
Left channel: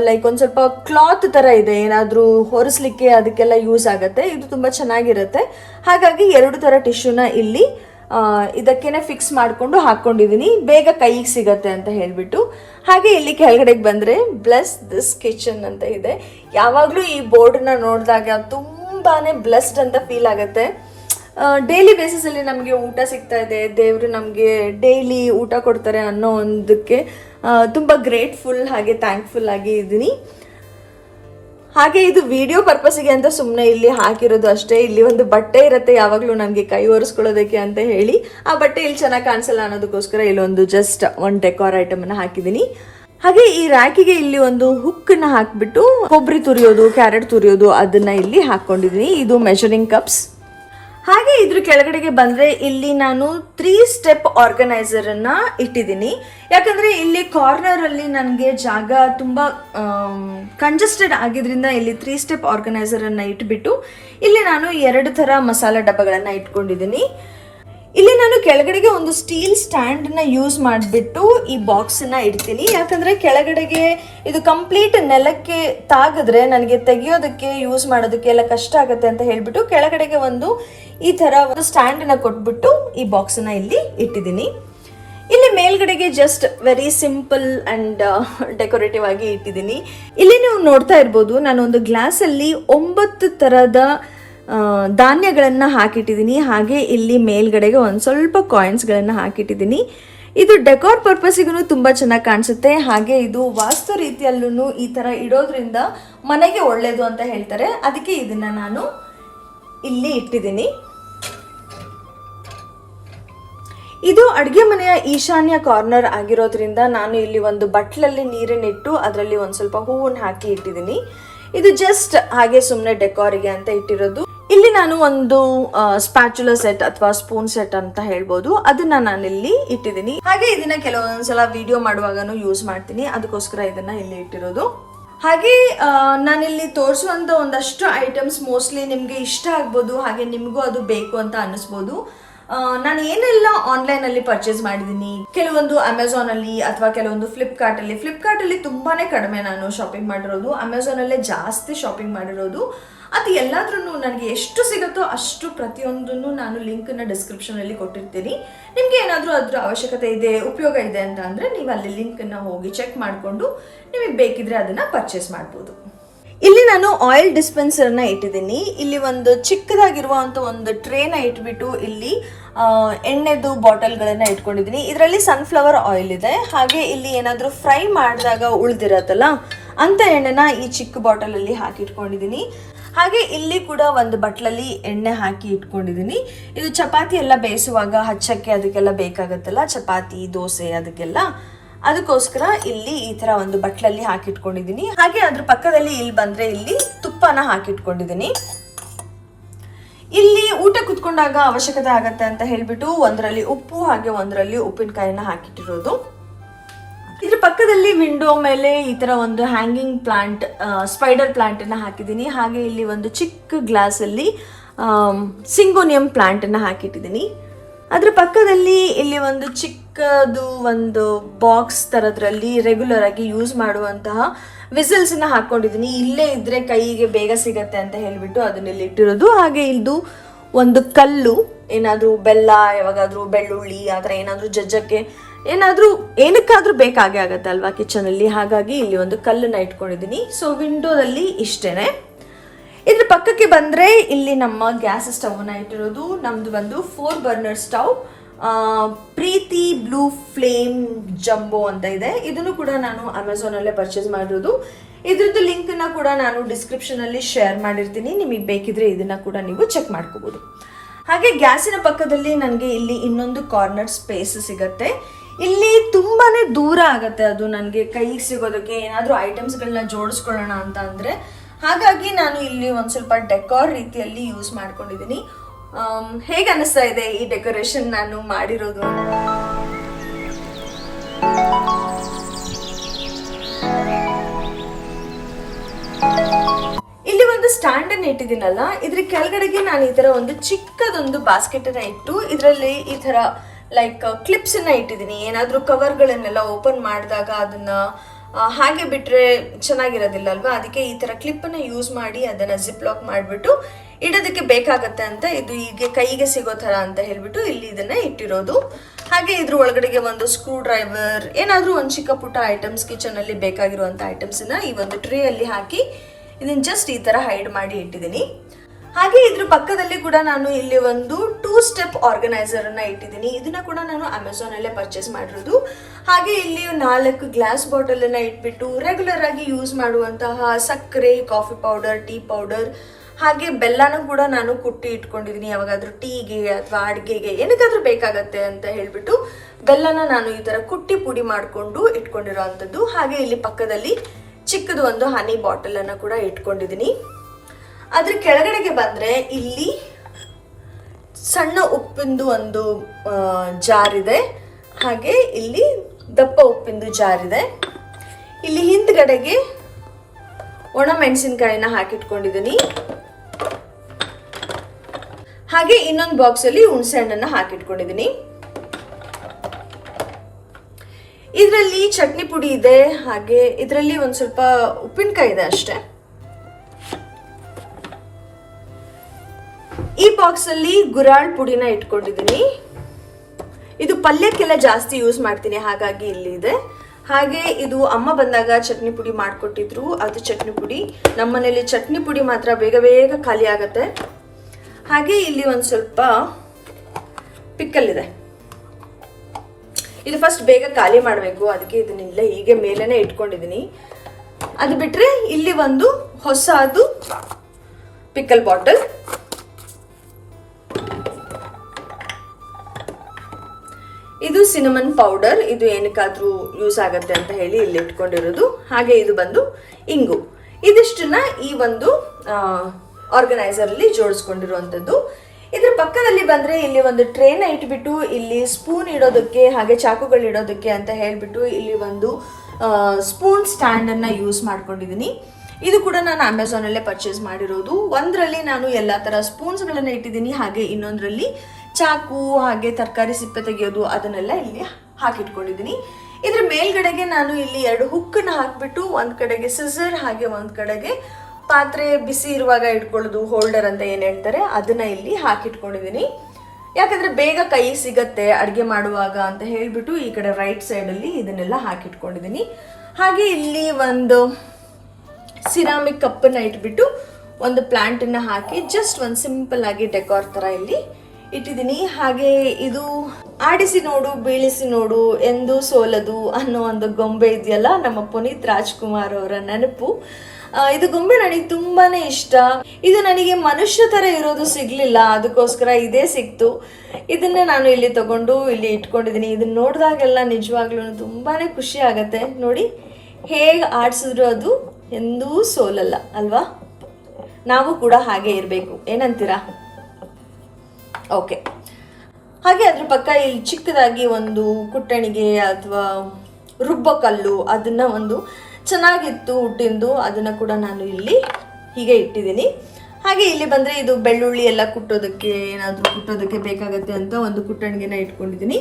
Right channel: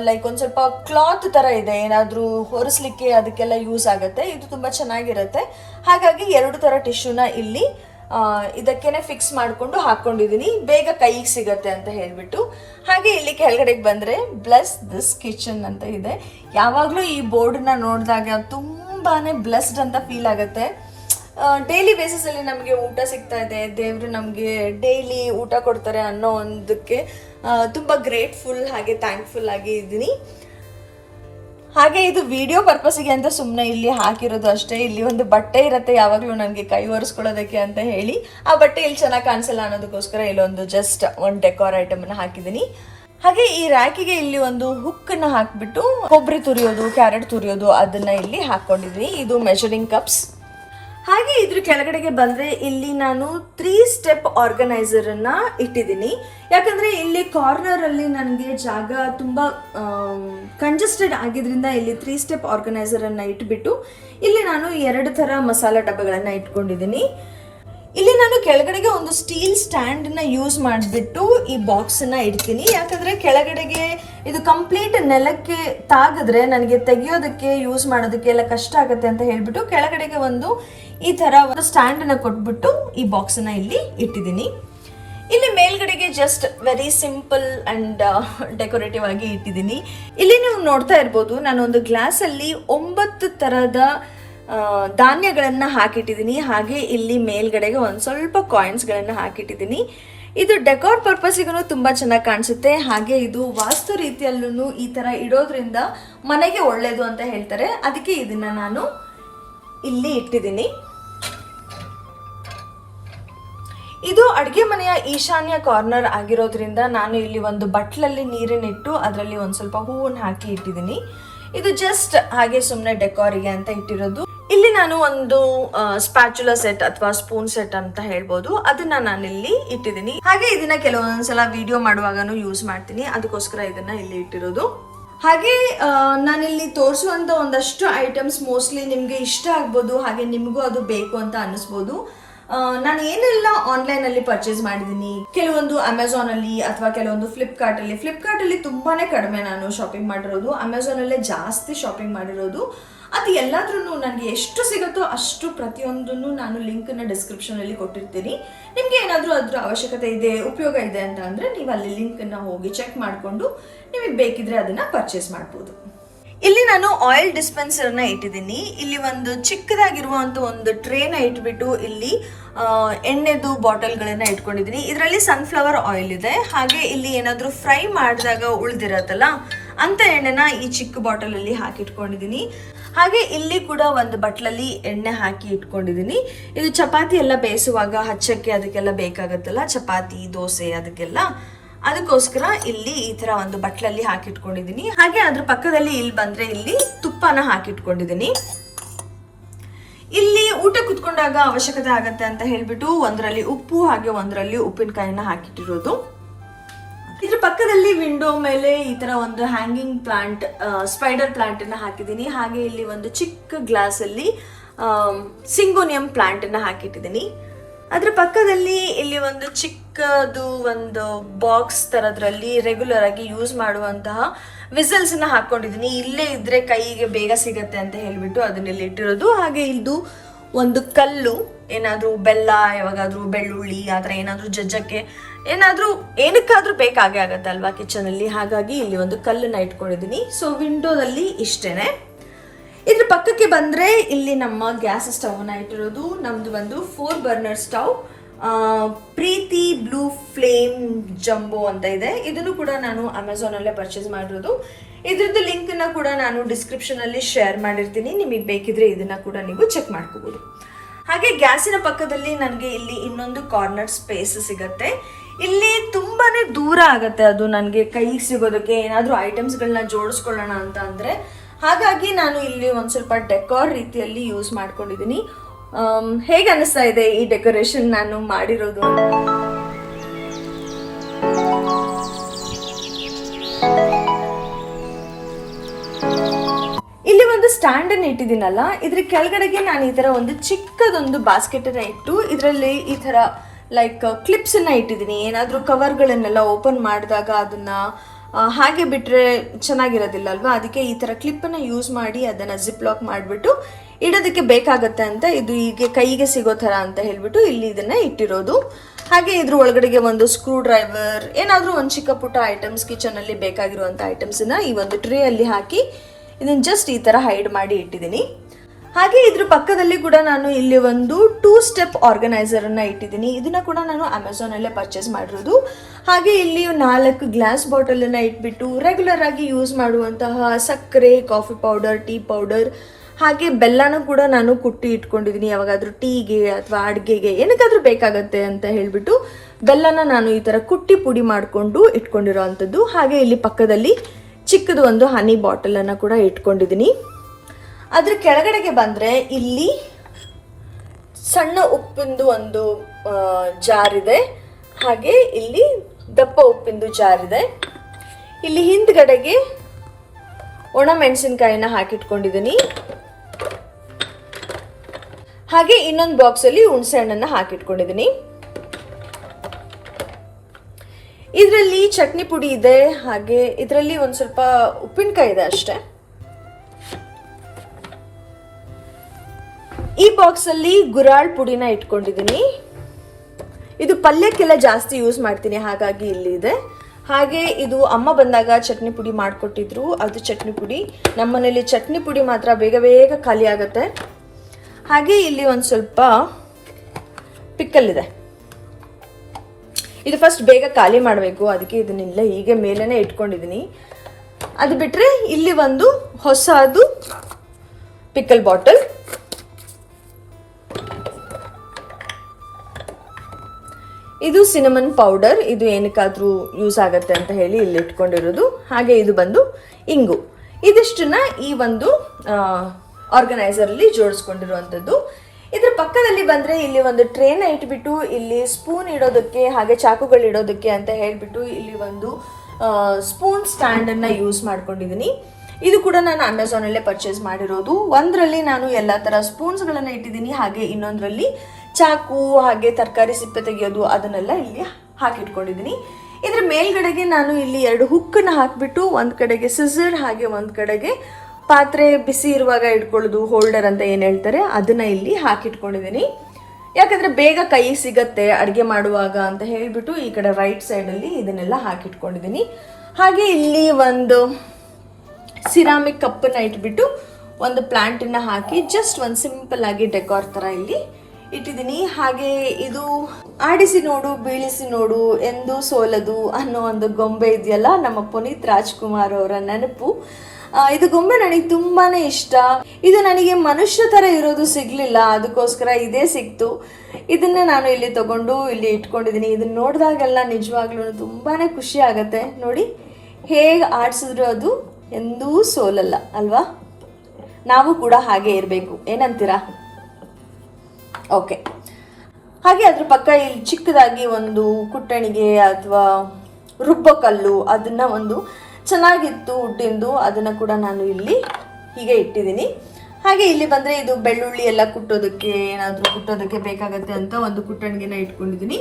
ಲೈಕ್ ಒಂದ್ ಸ್ವಲ್ಪ ಕ್ಲಾತ್ ತರ ಇದೆ, ಏನಾದ್ರೂ ಹೊರಿಸ್ಲಿಕ್ಕೆ ಅದಕ್ಕೆಲ್ಲ ಯೂಸ್ ಆಗತ್ತೆ. ಇದು ತುಂಬಾ ಚೆನ್ನಾಗಿರುತ್ತೆ. ಹಾಗಾಗಿ 2 ತರ ಟಿಶ್ಯೂನ ಇಲ್ಲಿ ಇದಕ್ಕೇನೆ ಫಿಕ್ಸ್ ಮಾಡ್ಕೊಂಡು ಹಾಕೊಂಡಿದ್ದೀನಿ, ಬೇಗ ಕೈಗೆ ಸಿಗತ್ತೆ ಅಂತ ಹೇಳ್ಬಿಟ್ಟು. ಹಾಗೆ ಇಲ್ಲಿ ಕೆಳಗಡೆಗೆ ಬಂದ್ರೆ ಬ್ಲೆಸ್ ದಿಸ್ ಕಿಚನ್ ಅಂತ ಇದೆ. ಯಾವಾಗ್ಲೂ ಈ ಬೋರ್ಡ್ ನ ನೋಡಿದಾಗ ತುಂಬಾನೇ ಬ್ಲೆಸ್ಡ್ ಅಂತ ಫೀಲ್ ಆಗತ್ತೆ. ಡೈಲಿ ಬೇಸಿಸ್ ಅಲ್ಲಿ ನಮಗೆ ಊಟ ಸಿಗ್ತಾ ಇದೆ, ದೇವ್ರು ನಮ್ಗೆ ಡೈಲಿ ಊಟ ಕೊಡ್ತಾರೆ ಅನ್ನೋ ಒಂದಕ್ಕೆ ತುಂಬಾ ಗ್ರೇಟ್ಫುಲ್ ಹಾಗೆ ಥ್ಯಾಂಕ್ಫುಲ್ ಆಗಿ ಇದ್ದೀನಿ. ಹಾಗೆ ಇದು ವಿಡಿಯೋ ಪರ್ಪಸ್ಗೆ ಅಂತ ಸುಮ್ಮನೆ ಇಲ್ಲಿ ಹಾಕಿರೋದು ಅಷ್ಟೇ. ಇಲ್ಲಿ ಒಂದು ಬಟ್ಟೆ ಇರುತ್ತೆ ಯಾವಾಗ್ಲೂ ನನಗೆ ಕೈ ಒರೆಸ್ಕೊಳ್ಳೋದಕ್ಕೆ ಅಂತ ಹೇಳಿ, ಆ ಬಟ್ಟೆ ಇಲ್ಲಿ ಚೆನ್ನಾಗಿ ಕಾಣಿಸಲ್ಲ ಅನ್ನೋದಕ್ಕೋಸ್ಕರ ಇಲ್ಲೊಂದು ಜಸ್ಟ್ ಒಂದು ಡೆಕೋರ್ ಐಟಮ್ ಅನ್ನ ಹಾಕಿದ್ದೀನಿ. ಹಾಗೆ ಈ ರ್ಯಾಕಿಗೆ ಇಲ್ಲಿ ಒಂದು ಹುಕ್ ನ ಹಾಕ್ಬಿಟ್ಟು ಕೊಬ್ಬರಿ ತುರಿಯೋದು, ಕ್ಯಾರೆಟ್ ತುರಿಯೋದು ಅದನ್ನ ಇಲ್ಲಿ ಹಾಕೊಂಡಿದೀನಿ. ಇದು ಮೆಷರಿಂಗ್ ಕಪ್ಸ್. ಹಾಗೆ ಇದ್ರ ಕೆಳಗಡೆಗೆ ಬಂದ್ರೆ ಇಲ್ಲಿ ನಾನು 3 ಸ್ಟೆಪ್ ಆರ್ಗನೈಸರ್ ಅನ್ನ ಇಟ್ಟಿದ್ದೀನಿ. ಯಾಕಂದ್ರೆ ಇಲ್ಲಿ ಕಾರ್ನರ್ ಅಲ್ಲಿ ನನಗೆ ಜಾಗ ತುಂಬಾ ಕಂಜೆಸ್ಟೆಡ್ ಆಗಿದ್ರಿಂದ ಇಲ್ಲಿ 3 ಸ್ಟೆಪ್ ಆರ್ಗನೈಸರ್ ಅನ್ನ ಇಟ್ಬಿಟ್ಟು ಇಲ್ಲಿ ನಾನು 2 ತರ ಮಸಾಲಾ ಡಬ್ಬಗಳನ್ನ ಇಟ್ಕೊಂಡಿದ್ದೀನಿ. ಇಲ್ಲಿ ನಾನು ಕೆಳಗಡೆಗೆ ಒಂದು ಸ್ಟೀಲ್ ಸ್ಟ್ಯಾಂಡ್ ನ ಯೂಸ್ ಮಾಡಿಬಿಟ್ಟು ಈ ಬಾಕ್ಸ್ ನ ಇಡ್ತೀನಿ. ಯಾಕಂದ್ರೆ ಕೆಳಗಡೆಗೆ ಇದು ಕಂಪ್ಲೀಟ್ ನೆಲಕ್ಕೆ ತಾಗಿದ್ರೆ ನನಗೆ ತೆಗಿಯೋದಕ್ಕೆ ಯೂಸ್ ಮಾಡೋದಕ್ಕೆ ಎಲ್ಲ ಕಷ್ಟ ಆಗುತ್ತೆ ಅಂತ ಹೇಳ್ಬಿಟ್ಟು ಕೆಳಗಡೆಗೆ ಒಂದು ಈ ತರ ಒಂದು ಸ್ಟ್ಯಾಂಡ್ ನ ಕೊಟ್ಬಿಟ್ಟು ಈ ಬಾಕ್ಸ್ ನ ಇಲ್ಲಿ ಇಟ್ಟಿದ್ದೀನಿ. ಇಲ್ಲಿ ಮೇಲ್ಗಡೆಗೆ just very simple and decorative ಆಗಿ ಇಟ್ಟಿದ್ದೀನಿ. ಇಲ್ಲಿ ನೀವು ನೋಡ್ತಾ ಇರ್ಬೋದು, ನಾನು ಒಂದು ಗ್ಲಾಸ್ ಅಲ್ಲಿ 9 ತರಹದ ಧಾನ್ಯಗಳನ್ನ ಹಾಕಿಟ್ಟಿದ್ದೀನಿ. ಹಾಗೆ ಇಲ್ಲಿ ಮೇಲ್ಗಡೆಗೆ ಒಂದ್ ಸ್ವಲ್ಪ ಕಾಯಿನ್ಸ್ ಗಳನ್ನ ಹಾಕಿಟ್ಟಿದ್ದೀನಿ. ಇದು ಡೆಕೋರ್ ಪರ್ಪಸ್ಗೂ ತುಂಬಾ ಚೆನ್ನಾಗಿ ಕಾಣಿಸುತ್ತೆ. ಹಾಗೆ ಇದು ವಾಸ್ತು ರೀತಿಯಲ್ಲೂ ಈ ತರ ಇಡೋದ್ರಿಂದ ಮನೆಗೆ ಒಳ್ಳೇದು ಅಂತ ಹೇಳ್ತಾರೆ. ಅದಕ್ಕೆ ಇದನ್ನ ನಾನು ಇಲ್ಲಿ ಇಟ್ಟಿದ್ದೀನಿ. ಇದು ಅಡುಗೆ ಮನೆಯ ಈಶಾನ್ಯ ಕಾರ್ನರ್ ಆಗಿರೋದ್ರಿಂದ ನಾನು ಇಲ್ಲಿ ಒಂದು ಬಟ್ಲಲ್ಲಿ ನೀರನ್ನಿಟ್ಟು ಅದರಲ್ಲಿ ಒಂದ್ ಸ್ವಲ್ಪ ಹೂವನ್ನ ಹಾಕಿ ಇಟ್ಟಿದ್ದೀನಿ. ಇದು ಜಸ್ಟ್ ಹಾಗೆ ಸುಮ್ಮನೆ ಡೆಕೋರಿಗೆ ಅಂತ ಇಟ್ಟಿರೋದು. ಇಲ್ಲಿ ನಾನು ಒಂದು ಸ್ಪ್ಯಾಚುಲಾ ಸೆಟ್ ಅಥವಾ ಸ್ಪೂನ್ ಸೆಟ್ ಅಂತ ಹೇಳ್ಬೋದು, ಅದನ್ನ ನಾನಿಲ್ಲಿ ಇಟ್ಟಿದ್ದೀನಿ. ಹಾಗೆ ಇದನ್ನ ಕೆಲವೊಂದ್ಸಲ ವಿಡಿಯೋ ಮಾಡುವಾಗನು ಯೂಸ್ ಮಾಡ್ತೀನಿ, ಅದಕ್ಕೋಸ್ಕರ ಇದನ್ನ ಇಲ್ಲಿ ಇಟ್ಟಿರೋದು. ಹಾಗೆ ನಾನಿಲ್ಲಿ ತೋರಿಸುವಂತ ಒಂದಷ್ಟು ಐಟಮ್ಸ್ ಮೋಸ್ಟ್ಲಿ ನಿಮ್ಗೆ ಇಷ್ಟ ಆಗ್ಬೋದು, ಹಾಗೆ ನಿಮ್ಗೂ ಅದು ಬೇಕು ಅಂತ ಅನ್ನಿಸ್ಬೋದು. ನಾನು ಏನೆಲ್ಲ ಆನ್ಲೈನ್ ಅಲ್ಲಿ ಪರ್ಚೇಸ್ ಮಾಡಿದ್ದೀನಿ, ಕೆಲವೊಂದು ಅಮೆಝಾನ್ ಅಲ್ಲಿ ಅಥವಾ ಕೆಲವೊಂದು ಫ್ಲಿಪ್ಕಾರ್ಟ್ ಅಲ್ಲಿ ತುಂಬಾನೇ ಕಡಿಮೆ ನಾನು ಶಾಪಿಂಗ್ ಮಾಡಿರೋದು, ಅಮೆಝಾನ್ ಅಲ್ಲೇ ಜಾಸ್ತಿ ಶಾಪಿಂಗ್ ಮಾಡಿರೋದು. ಅದು ಎಲ್ಲಾದ್ರೂ ನನಗೆ ಎಷ್ಟು ಸಿಗುತ್ತೋ ಅಷ್ಟು ಪ್ರತಿಯೊಂದನ್ನು ನಾನು ಲಿಂಕ್ ನ ಡಿಸ್ಕ್ರಿಪ್ಷನ್ ಅಲ್ಲಿ ಕೊಟ್ಟಿರ್ತೀನಿ. ನಿಮ್ಗೆ ಏನಾದ್ರೂ ಅದ್ರ ಅವಶ್ಯಕತೆ ಇದೆ, ಉಪಯೋಗ ಇದೆ ಅಂತ ಅಂದ್ರೆ ನೀವು ಅಲ್ಲಿ ಲಿಂಕ್ ನ ಹೋಗಿ ಚೆಕ್ ಮಾಡ್ಕೊಂಡು ನಿಮಗೆ ಬೇಕಿದ್ರೆ ಅದನ್ನ ಪರ್ಚೇಸ್ ಮಾಡ್ಬೋದು. ಇಲ್ಲಿ ನಾನು ಆಯಿಲ್ ಡಿಸ್ಪೆನ್ಸರ್ ನ ಇಟ್ಟಿದ್ದೀನಿ. ಇಲ್ಲಿ ಒಂದು ಚಿಕ್ಕದಾಗಿರುವಂತ ಒಂದು ಟ್ರೇನ ಇಟ್ಬಿಟ್ಟು ಇಲ್ಲಿ ಎಣ್ಣೆದು ಬಾಟಲ್ಗಳನ್ನ ಇಟ್ಕೊಂಡಿದ್ದೀನಿ. ಇದರಲ್ಲಿ ಸನ್ಫ್ಲವರ್ ಆಯಿಲ್ ಇದೆ. ಹಾಗೆ ಇಲ್ಲಿ ಏನಾದ್ರೂ ಫ್ರೈ ಮಾಡಿದಾಗ ಉಳ್ದಿರತ್ತಲ್ಲ ಅಂತ ಎಣ್ಣೆನ ಈ ಚಿಕ್ಕ ಬಾಟಲ್ ಅಲ್ಲಿ ಹಾಕಿ ಇಟ್ಕೊಂಡಿದ್ದೀನಿ. ಹಾಗೆ ಇಲ್ಲಿ ಕೂಡ ಒಂದು ಬಟ್ಲಲ್ಲಿ ಎಣ್ಣೆ ಹಾಕಿ ಇಟ್ಕೊಂಡಿದ್ದೀನಿ. ಇದು ಚಪಾತಿ ಎಲ್ಲ ಬೇಯಿಸುವಾಗ ಹಚ್ಚಕ್ಕೆ ಅದಕ್ಕೆಲ್ಲ ಬೇಕಾಗತ್ತಲ್ಲ, ಚಪಾತಿ ದೋಸೆ ಅದಕ್ಕೋಸ್ಕರ ಇಲ್ಲಿ ಈ ತರ ಒಂದು ಬಟ್ಲಲ್ಲಿ ಹಾಕಿಟ್ಕೊಂಡಿದ್ದೀನಿ. ಹಾಗೆ ಅದ್ರ ಪಕ್ಕದಲ್ಲಿ ಇಲ್ಲಿ ಬಂದ್ರೆ ಇಲ್ಲಿ ತುಪ್ಪನ ಹಾಕಿಟ್ಕೊಂಡಿದ್ದೀನಿ. ಇಲ್ಲಿ ಊಟ ಕುತ್ಕೊಂಡಾಗ ಅವಶ್ಯಕತೆ ಆಗತ್ತೆ ಅಂತ ಹೇಳ್ಬಿಟ್ಟು ಒಂದರಲ್ಲಿ ಉಪ್ಪು ಹಾಗೆ ಒಂದರಲ್ಲಿ ಉಪ್ಪಿನಕಾಯಿನ ಹಾಕಿಟ್ಟಿರೋದು. ಇದ್ರ ಪಕ್ಕದಲ್ಲಿ ವಿಂಡೋ ಮೇಲೆ ಈ ತರ ಒಂದು ಹ್ಯಾಂಗಿಂಗ್ ಪ್ಲಾಂಟ್, ಸ್ಪೈಡರ್ ಪ್ಲಾಂಟ್ ಅನ್ನ ಹಾಕಿದ್ದೀನಿ. ಹಾಗೆ ಇಲ್ಲಿ ಒಂದು ಚಿಕ್ಕ ಗ್ಲಾಸ್ ಅಲ್ಲಿ ಸಿಂಗೋನಿಯಂ ಪ್ಲಾಂಟ್ ಅನ್ನ ಹಾಕಿಟ್ಟಿದ್ದೀನಿ. ಅದ್ರ ಪಕ್ಕದಲ್ಲಿ ಇಲ್ಲಿ ಒಂದು ಚಿಕ್ಕದು ಒಂದು ಬಾಕ್ಸ್ ತರದ್ರಲ್ಲಿ ರೆಗ್ಯುಲರ್ ಆಗಿ ಯೂಸ್ ಮಾಡುವಂತಹ ವಿಸಲ್ಸ್ ನ ಹಾಕೊಂಡಿದೀನಿ. ಇಲ್ಲೇ ಇದ್ರೆ ಕೈಗೆ ಬೇಗ ಸಿಗತ್ತೆ ಅಂತ ಹೇಳ್ಬಿಟ್ಟು ಅದನ್ನೆಲ್ಲಿ ಇಟ್ಟಿರೋದು. ಹಾಗೆ ಇದು ಒಂದು ಕಲ್ಲು, ಏನಾದ್ರೂ ಬೆಲ್ಲ, ಯಾವಾಗಾದ್ರೂ ಬೆಳ್ಳುಳ್ಳಿ ಆತರ ಏನಾದ್ರೂ ಜಜ್ಜಕ್ಕೆ ಏನಾದ್ರೂ ಏನಕ್ಕಾದ್ರೂ ಬೇಕಾಗೇ ಆಗತ್ತೆ ಅಲ್ವಾ ಕಿಚನ್ ಅಲ್ಲಿ. ಹಾಗಾಗಿ ಇಲ್ಲಿ ಒಂದು ಕಲ್ಲನ್ನ ಇಟ್ಕೊಂಡಿದೀನಿ. ಸೊ ವಿಂಡೋದಲ್ಲಿ ಇಷ್ಟೇನೆ. ಇದ್ರ ಪಕ್ಕಕ್ಕೆ ಬಂದ್ರೆ ಇಲ್ಲಿ ನಮ್ಮ ಗ್ಯಾಸ್ ಸ್ಟವ್ ನ ಇಟ್ಟಿರೋದು. ನಮ್ದು ಒಂದು 4 ಬರ್ನರ್ ಸ್ಟವ್, ಪ್ರೀತಿ ಬ್ಲೂ ಫ್ಲೇಮ್ ಜಂಬೋ ಅಂತ ಇದೆ. ಇದನ್ನು ಕೂಡ ನಾನು ಅಮೆಝಾನ್ ಅಲ್ಲೇ ಪರ್ಚೇಸ್ ಮಾಡಿರೋದು. ಇದ್ರದ್ದು ಲಿಂಕ್ ನ ಕೂಡ ನಾನು ಡಿಸ್ಕ್ರಿಪ್ಷನ್ ಅಲ್ಲಿ ಶೇರ್ ಮಾಡಿರ್ತೀನಿ. ನಿಮಗೆ ಬೇಕಿದ್ರೆ ಇದನ್ನ ಕೂಡ ನೀವು ಚೆಕ್ ಮಾಡ್ಕೋಬಹುದು. ಹಾಗೆ ಗ್ಯಾಸಿನ ಪಕ್ಕದಲ್ಲಿ ನನಗೆ ಇಲ್ಲಿ ಇನ್ನೊಂದು ಕಾರ್ನರ್ ಸ್ಪೇಸ್ ಸಿಗತ್ತೆ. ಇಲ್ಲಿ ತುಂಬಾನೇ ದೂರ ಆಗತ್ತೆ ಅದು ನನಗೆ ಕೈಗೆ ಸಿಗೋದಕ್ಕೆ, ಏನಾದ್ರೂ ಐಟಮ್ಸ್ ಗಳನ್ನ ಜೋಡಿಸ್ಕೊಳ್ಳೋಣ ಅಂತ ಅಂದ್ರೆ. ಹಾಗಾಗಿ ನಾನು ಇಲ್ಲಿ ಒಂದ್ ಸ್ವಲ್ಪ ಡೆಕೋರ್ ರೀತಿಯಲ್ಲಿ ಯೂಸ್ ಮಾಡ್ಕೊಂಡಿದ್ದೀನಿ. ಹೇಗೆ ಅನಿಸ್ತಾ ಇದೆ ಈ ಡೆಕೋರೇಷನ್ ನಾನು ಮಾಡಿರೋದು? ಇಲ್ಲಿ ಒಂದು ಸ್ಟ್ಯಾಂಡ್ ಅನ್ನು ಇಟ್ಟಿದ್ದೀನಲ್ಲ, ಇದ್ರ ಕೆಳಗಡೆಗೆ ನಾನು ಈ ತರ ಒಂದು ಚಿಕ್ಕದೊಂದು ಬಾಸ್ಕೆಟ್ ಅನ್ನ ಇಟ್ಟು ಇದರಲ್ಲಿ ಈ ತರ ಲೈಕ್ ಕ್ಲಿಪ್ಸ್ ಅನ್ನ ಇಟ್ಟಿದ್ದೀನಿ. ಏನಾದ್ರೂ ಕವರ್ ಗಳನ್ನೆಲ್ಲ ಓಪನ್ ಮಾಡಿದಾಗ ಅದನ್ನ ಹಾಗೆ ಬಿಟ್ರೆ ಚೆನ್ನಾಗಿರೋದಿಲ್ಲ ಅಲ್ವಾ, ಅದಕ್ಕೆ ಈ ತರ ಕ್ಲಿಪ್ ಅನ್ನ ಯೂಸ್ ಮಾಡಿ ಅದನ್ನ ಜಿಪ್ ಲಾಕ್ ಮಾಡಿಬಿಟ್ಟು ಇಡೋದಕ್ಕೆ ಬೇಕಾಗತ್ತೆ ಅಂತ ಇದು ಈಗ ಕೈಗೆ ಸಿಗೋ ತರ ಅಂತ ಹೇಳ್ಬಿಟ್ಟು ಇಲ್ಲಿ ಇದನ್ನ ಇಟ್ಟಿರೋದು. ಹಾಗೆ ಇದ್ರ ಒಳಗಡೆಗೆ ಒಂದು ಸ್ಕ್ರೂ ಡ್ರೈವರ್, ಏನಾದ್ರೂ ಒಂದು ಚಿಕ್ಕ ಪುಟ್ಟ ಐಟಮ್ಸ್ ಕಿಚನ್ ಅಲ್ಲಿ ಬೇಕಾಗಿರುವಂತ ಐಟಮ್ಸ್ ನ ಈ ಒಂದು ಟ್ರೇ ಅಲ್ಲಿ ಹಾಕಿ ಇದನ್ನ ಜಸ್ಟ್ ಈ ತರ ಹೈಡ್ ಮಾಡಿ ಇಟ್ಟಿದ್ದೀನಿ. ಹಾಗೆ ಇದ್ರ ಪಕ್ಕದಲ್ಲಿ ಕೂಡ ನಾನು ಇಲ್ಲಿ ಒಂದು 2 ಸ್ಟೆಪ್ ಆರ್ಗನೈಸರ್ ಅನ್ನ ಇಟ್ಟಿದ್ದೀನಿ. ಇದನ್ನ ಕೂಡ ನಾನು ಅಮೆಝಾನ್ ಅಲ್ಲೇ ಪರ್ಚೇಸ್ ಮಾಡಿರೋದು. ಹಾಗೆ ಇಲ್ಲಿ 4 ಗ್ಲಾಸ್ ಬಾಟಲ್ ಅನ್ನ ಇಟ್ಬಿಟ್ಟು ರೆಗ್ಯುಲರ್ ಆಗಿ ಯೂಸ್ ಮಾಡುವಂತಹ ಸಕ್ಕರೆ, ಕಾಫಿ ಪೌಡರ್, ಟೀ ಪೌಡರ್ ಹಾಗೆ ಬೆಲ್ಲನೂ ಕೂಡ ನಾನು ಕುಟ್ಟಿ ಇಟ್ಕೊಂಡಿದ್ದೀನಿ. ಯಾವಾಗಾದ್ರೂ ಟೀಗೆ ಅಥವಾ ಅಡ್ಗೆಗೆ ಏನಕ್ಕಾದ್ರೂ ಬೇಕಾಗತ್ತೆ ಅಂತ ಹೇಳ್ಬಿಟ್ಟು ಬೆಲ್ಲನ ನಾನು ಈ ತರ ಕುಟ್ಟಿ ಪುಡಿ ಮಾಡ್ಕೊಂಡು ಇಟ್ಕೊಂಡಿರುವಂತದ್ದು. ಹಾಗೆ ಇಲ್ಲಿ ಪಕ್ಕದಲ್ಲಿ ಚಿಕ್ಕದು ಒಂದು ಹನಿ ಬಾಟಲ್ ಅನ್ನ ಕೂಡ ಇಟ್ಕೊಂಡಿದ್ದೀನಿ. ಅದ್ರ ಕೆಳಗಡೆಗೆ ಬಂದ್ರೆ ಇಲ್ಲಿ ಸಣ್ಣ ಉಪ್ಪಿಂದು ಒಂದು ಜಾರ್ ಇದೆ. ಹಾಗೆ ಇಲ್ಲಿ ದಪ್ಪ ಉಪ್ಪಿಂದು ಜಾರ್ ಇದೆ. ಇಲ್ಲಿ ಹಿಂದ್ಗಡೆಗೆ ಒಣ ಮೆಣಸಿನಕಾಯಿನ ಹಾಕಿಟ್ಕೊಂಡಿದ್ದೀನಿ. ಹಾಗೆ ಇನ್ನೊಂದು ಬಾಕ್ಸ್ ಅಲ್ಲಿ ಹುಣಸೆ ಹಣ್ಣನ್ನ ಹಾಕಿಟ್ಕೊಂಡಿದ್ದೀನಿ. ಇದರಲ್ಲಿ ಚಟ್ನಿ ಪುಡಿ ಇದೆ. ಹಾಗೆ ಇದರಲ್ಲಿ ಒಂದ್ ಸ್ವಲ್ಪ ಉಪ್ಪಿನಕಾಯಿ ಇದೆ ಅಷ್ಟೇ. ಈ ಬಾಕ್ಸ್ ಅಲ್ಲಿ ಗುರಾಳ್ ಪುಡಿನ ಇಟ್ಕೊಂಡಿದ್ದೀನಿ. ಇದು ಪಲ್ಯಕ್ಕೆಲ್ಲ ಜಾಸ್ತಿ ಯೂಸ್ ಮಾಡ್ತೀನಿ, ಹಾಗಾಗಿ ಇಲ್ಲಿ ಇದೆ. ಹಾಗೆ ಇದು ಅಮ್ಮ ಬಂದಾಗ ಚಟ್ನಿ ಪುಡಿ ಮಾಡಿಕೊಟ್ಟಿದ್ರು, ಅದು ಚಟ್ನಿ ಪುಡಿ. ನಮ್ಮನೇಲಿ ಚಟ್ನಿ ಪುಡಿ ಮಾತ್ರ ಬೇಗ ಬೇಗ ಖಾಲಿ ಆಗುತ್ತೆ. ಹಾಗೆ ಇಲ್ಲಿ ಒಂದು ಸ್ವಲ್ಪ ಪಿಕ್ಕಲ್ ಇದೆ. ಇದು ಫಸ್ಟ್ ಬೇಗ ಖಾಲಿ ಮಾಡಬೇಕು, ಅದಕ್ಕೆ ಇದನ್ನೆಲ್ಲ ಹೀಗೆ ಮೇಲೇನೆ ಇಟ್ಕೊಂಡಿದ್ದೀನಿ. ಅದು ಬಿಟ್ರೆ ಇಲ್ಲಿ ಒಂದು ಹೊಸದು ಪಿಕ್ಕಲ್ ಬಾಟಲ್. ಇದು ಸಿನಮನ್ ಪೌಡರ್, ಇದು ಏನಕ್ಕಾದ್ರೂ ಯೂಸ್ ಆಗತ್ತೆ ಅಂತ ಹೇಳಿ ಇಲ್ಲಿ ಇಟ್ಕೊಂಡಿರೋದು. ಹಾಗೆ ಇದು ಬಂದು ಇಂಗು. ಇದಿಷ್ಟನ್ನ ಈ ಒಂದು ಆರ್ಗನೈಸರ್ ಅಲ್ಲಿ ಜೋಡಿಸ್ಕೊಂಡಿರುವಂತದ್ದು. ಇದ್ರ ಪಕ್ಕದಲ್ಲಿ ಬಂದ್ರೆ ಇಲ್ಲಿ ಒಂದು ಟ್ರೇನ ಇಟ್ಬಿಟ್ಟು ಇಲ್ಲಿ ಸ್ಪೂನ್ ಇಡೋದಕ್ಕೆ ಹಾಗೆ ಚಾಕುಗಳು ಇಡೋದಕ್ಕೆ ಅಂತ ಹೇಳ್ಬಿಟ್ಟು ಇಲ್ಲಿ ಒಂದು ಸ್ಪೂನ್ ಸ್ಟ್ಯಾಂಡ್ ಅನ್ನ ಯೂಸ್ ಮಾಡ್ಕೊಂಡಿದ್ದೀನಿ. ಇದು ಕೂಡ ನಾನು ಅಮೆಝಾನ್ ಅಲ್ಲೇ ಪರ್ಚೇಸ್ ಮಾಡಿರೋದು. ಒಂದ್ರಲ್ಲಿ ನಾನು ಎಲ್ಲಾ ತರ ಸ್ಪೂನ್ಸ್ ಗಳನ್ನ ಇಟ್ಟಿದ್ದೀನಿ. ಹಾಗೆ ಇನ್ನೊಂದ್ರಲ್ಲಿ ಚಾಕು ಹಾಗೆ ತರಕಾರಿ ಸಿಪ್ಪೆ ತೆಗೆಯೋದು ಅದನ್ನೆಲ್ಲ ಇಲ್ಲಿ ಹಾಕಿಟ್ಕೊಂಡಿದ್ದೀನಿ. ಇದ್ರ ಮೇಲ್ಗಡೆಗೆ ನಾನು ಇಲ್ಲಿ 2 ಹುಕ್ಕನ್ನ ಹಾಕ್ಬಿಟ್ಟು ಒಂದ್ ಕಡೆಗೆ ಸಿಸರ್ ಹಾಗೆ ಒಂದ್ ಕಡೆಗೆ ಪಾತ್ರೆ ಬಿಸಿ ಇರುವಾಗ ಇಟ್ಕೊಳ್ಳೋದು ಹೋಲ್ಡರ್ ಅಂತ ಏನ್ ಹೇಳ್ತಾರೆ ಅದನ್ನ ಇಲ್ಲಿ ಹಾಕಿಟ್ಕೊಂಡಿದ್ದೀನಿ. ಯಾಕಂದ್ರೆ ಬೇಗ ಕೈ ಸಿಗತ್ತೆ ಅಡ್ಗೆ ಮಾಡುವಾಗ ಅಂತ ಹೇಳ್ಬಿಟ್ಟು ಈ ಕಡೆ ರೈಟ್ ಸೈಡ್ ಅಲ್ಲಿ ಇದನ್ನೆಲ್ಲ ಹಾಕಿಟ್ಕೊಂಡಿದ್ದೀನಿ. ಹಾಗೆ ಇಲ್ಲಿ ಒಂದು ಸಿರಾಮಿಕ್ ಕಪ್ಪನ್ನ ಇಟ್ಬಿಟ್ಟು ಒಂದು ಪ್ಲಾಂಟ್ ಅನ್ನ ಹಾಕಿ ಜಸ್ಟ್ ಒಂದು ಸಿಂಪಲ್ ಆಗಿ ಡೆಕೋರ್ ತರ ಇಲ್ಲಿ ಇಟ್ಟಿದ್ದೀನಿ. ಹಾಗೆ ಇದು ಆಡಿಸಿ ನೋಡು ಬೀಳಿಸಿ ನೋಡು ಎಂದು ಸೋಲದು ಅನ್ನೋ ಒಂದು ಗೊಂಬೆ ಇದೆಯಲ್ಲ, ನಮ್ಮ ಪುನೀತ್ ರಾಜ್ಕುಮಾರ್ ಅವರ ನೆನಪು. ಇದು ಗೊಂಬೆ ನನಗೆ ತುಂಬಾನೇ ಇಷ್ಟ. ಇದು ನನಗೆ ಮನುಷ್ಯ ತರ ಇರೋದು ಸಿಗ್ಲಿಲ್ಲ, ಅದಕ್ಕೋಸ್ಕರ ಇದೇ ಸಿಕ್ತು. ಇದನ್ನ ನಾನು ಇಲ್ಲಿ ತಗೊಂಡು ಇಲ್ಲಿ ಇಟ್ಕೊಂಡಿದ್ದೀನಿ. ಇದನ್ನ ನೋಡಿದಾಗೆಲ್ಲ ನಿಜವಾಗ್ಲೂ ತುಂಬಾನೇ ಖುಷಿ ಆಗತ್ತೆ. ನೋಡಿ ಹೇಗೆ ಆಡ್ಸಿದ್ರು ಅದು ಎಂದೂ ಸೋಲಲ್ಲ ಅಲ್ವಾ? ನಾವು ಕೂಡ ಹಾಗೆ ಇರಬೇಕು, ಏನಂತೀರಾ? ಓಕೆ. ಹಾಗೆ ಅದ್ರ ಪಕ್ಕ ಇಲ್ಲಿ ಚಿಕ್ಕದಾಗಿ ಒಂದು ಕುಟ್ಟಣಿಗೆ ಅಥವಾ ರುಬ್ಬೋ ಕಲ್ಲು, ಅದನ್ನ ಒಂದು ಚೆನ್ನಾಗಿತ್ತು ಹುಟ್ಟಿಂದು, ಅದನ್ನ ಕೂಡ ನಾನು ಇಲ್ಲಿ ಹೀಗೆ ಇಟ್ಟಿದ್ದೀನಿ. ಹಾಗೆ ಹಾಗೆ ಇಲ್ಲಿ ಬಂದರೆ ಇದು ಬೆಳ್ಳುಳ್ಳಿ ಎಲ್ಲ ಕುಟ್ಟೋದಕ್ಕೆ ಏನಾದರೂ ಕುಟ್ಟೋದಕ್ಕೆ ಬೇಕಾಗತ್ತೆ ಅಂತ ಒಂದು ಕುಟ್ಟಣಿಗೆನ ಇಟ್ಕೊಂಡಿದ್ದೀನಿ.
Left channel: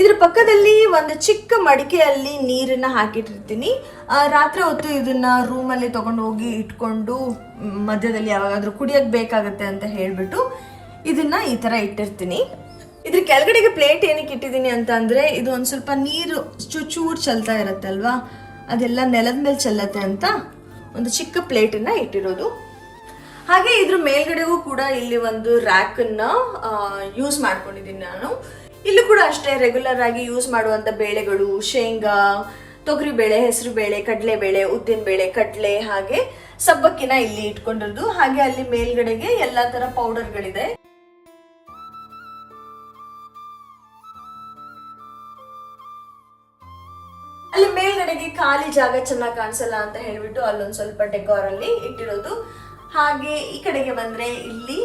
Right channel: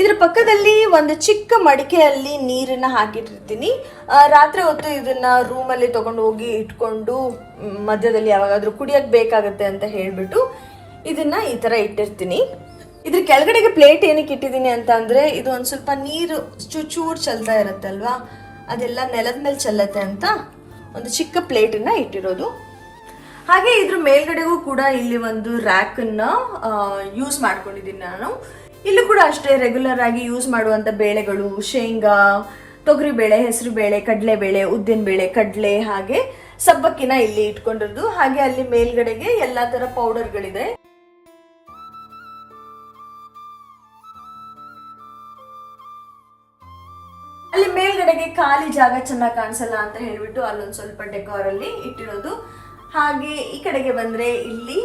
ಇದ್ರ ಪಕ್ಕದಲ್ಲಿ ಒಂದು ಚಿಕ್ಕ ಮಡಿಕೆಯಲ್ಲಿ ನೀರನ್ನ ಹಾಕಿಟ್ಟಿರ್ತೀನಿ. ರಾತ್ರಿ ಹೊತ್ತು ಇದನ್ನ ರೂಮಲ್ಲಿ ತಗೊಂಡು ಹೋಗಿ ಇಟ್ಕೊಂಡು ಮಧ್ಯದಲ್ಲಿ ಯಾವಾಗಾದ್ರೂ ಕುಡಿಯಕ್ಕೆ ಬೇಕಾಗತ್ತೆ ಅಂತ ಹೇಳ್ಬಿಟ್ಟು ಇದನ್ನ ಈ ತರ ಇಟ್ಟಿರ್ತೀನಿ. ಇದ್ರ ಕೆಳಗಡೆಗೆ ಪ್ಲೇಟ್ ಏನಕ್ಕೆ ಇಟ್ಟಿದ್ದೀನಿ ಅಂತ ಅಂದ್ರೆ ಇದು ಒಂದ್ ಸ್ವಲ್ಪ ನೀರು ಚೂರು ಚೆಲ್ತಾ ಇರುತ್ತೆ ಅಲ್ವಾ, ಅದೆಲ್ಲ ನೆಲದ ಮೇಲೆ ಚೆಲ್ಲತ್ತೆ ಅಂತ ಒಂದು ಚಿಕ್ಕ ಪ್ಲೇಟನ್ನ ಇಟ್ಟಿರೋದು. ಹಾಗೆ ಇದ್ರ ಮೇಲ್ಗಡೆಗೂ ಕೂಡ ಇಲ್ಲಿ ಒಂದು ರ್ಯಾಕ್ ಅನ್ನ ಯೂಸ್ ಮಾಡ್ಕೊಂಡಿದ್ದೀನಿ ನಾನು. ಇಲ್ಲೂ ಕೂಡ ಅಷ್ಟೇ ರೆಗ್ಯುಲರ್ ಆಗಿ ಯೂಸ್ ಮಾಡುವಂತ ಬೇಳೆಗಳು, ಶೇಂಗಾ, ತೊಗರಿ ಬೇಳೆ, ಹೆಸರು ಬೇಳೆ, ಕಡಲೆ ಬೇಳೆ, ಉದ್ದಿನ ಬೇಳೆ, ಕಡಲೆ ಹಾಗೆ ಸಬ್ಬಕ್ಕಿನ ಇಲ್ಲಿ ಇಟ್ಕೊಂಡಿರೋದು. ಹಾಗೆ ಅಲ್ಲಿ ಮೇಲ್ಗಡೆಗೆ ಎಲ್ಲಾ ತರ ಪೌಡರ್ಗಳಿದೆ. ಅಲ್ಲಿ ಮೇಲ್ಗಡೆಗೆ ಖಾಲಿ ಜಾಗ ಚೆನ್ನಾಗಿ ಕಾಣಿಸಲ್ಲ ಅಂತ ಹೇಳ್ಬಿಟ್ಟು ಅಲ್ಲೊಂದ್ ಸ್ವಲ್ಪ ಡೆಕೋರ್ ಅಲ್ಲಿ ಇಟ್ಟಿರೋದು. ಹಾಗೆ ಈ ಕಡೆಗೆ ಬಂದ್ರೆ ಇಲ್ಲಿ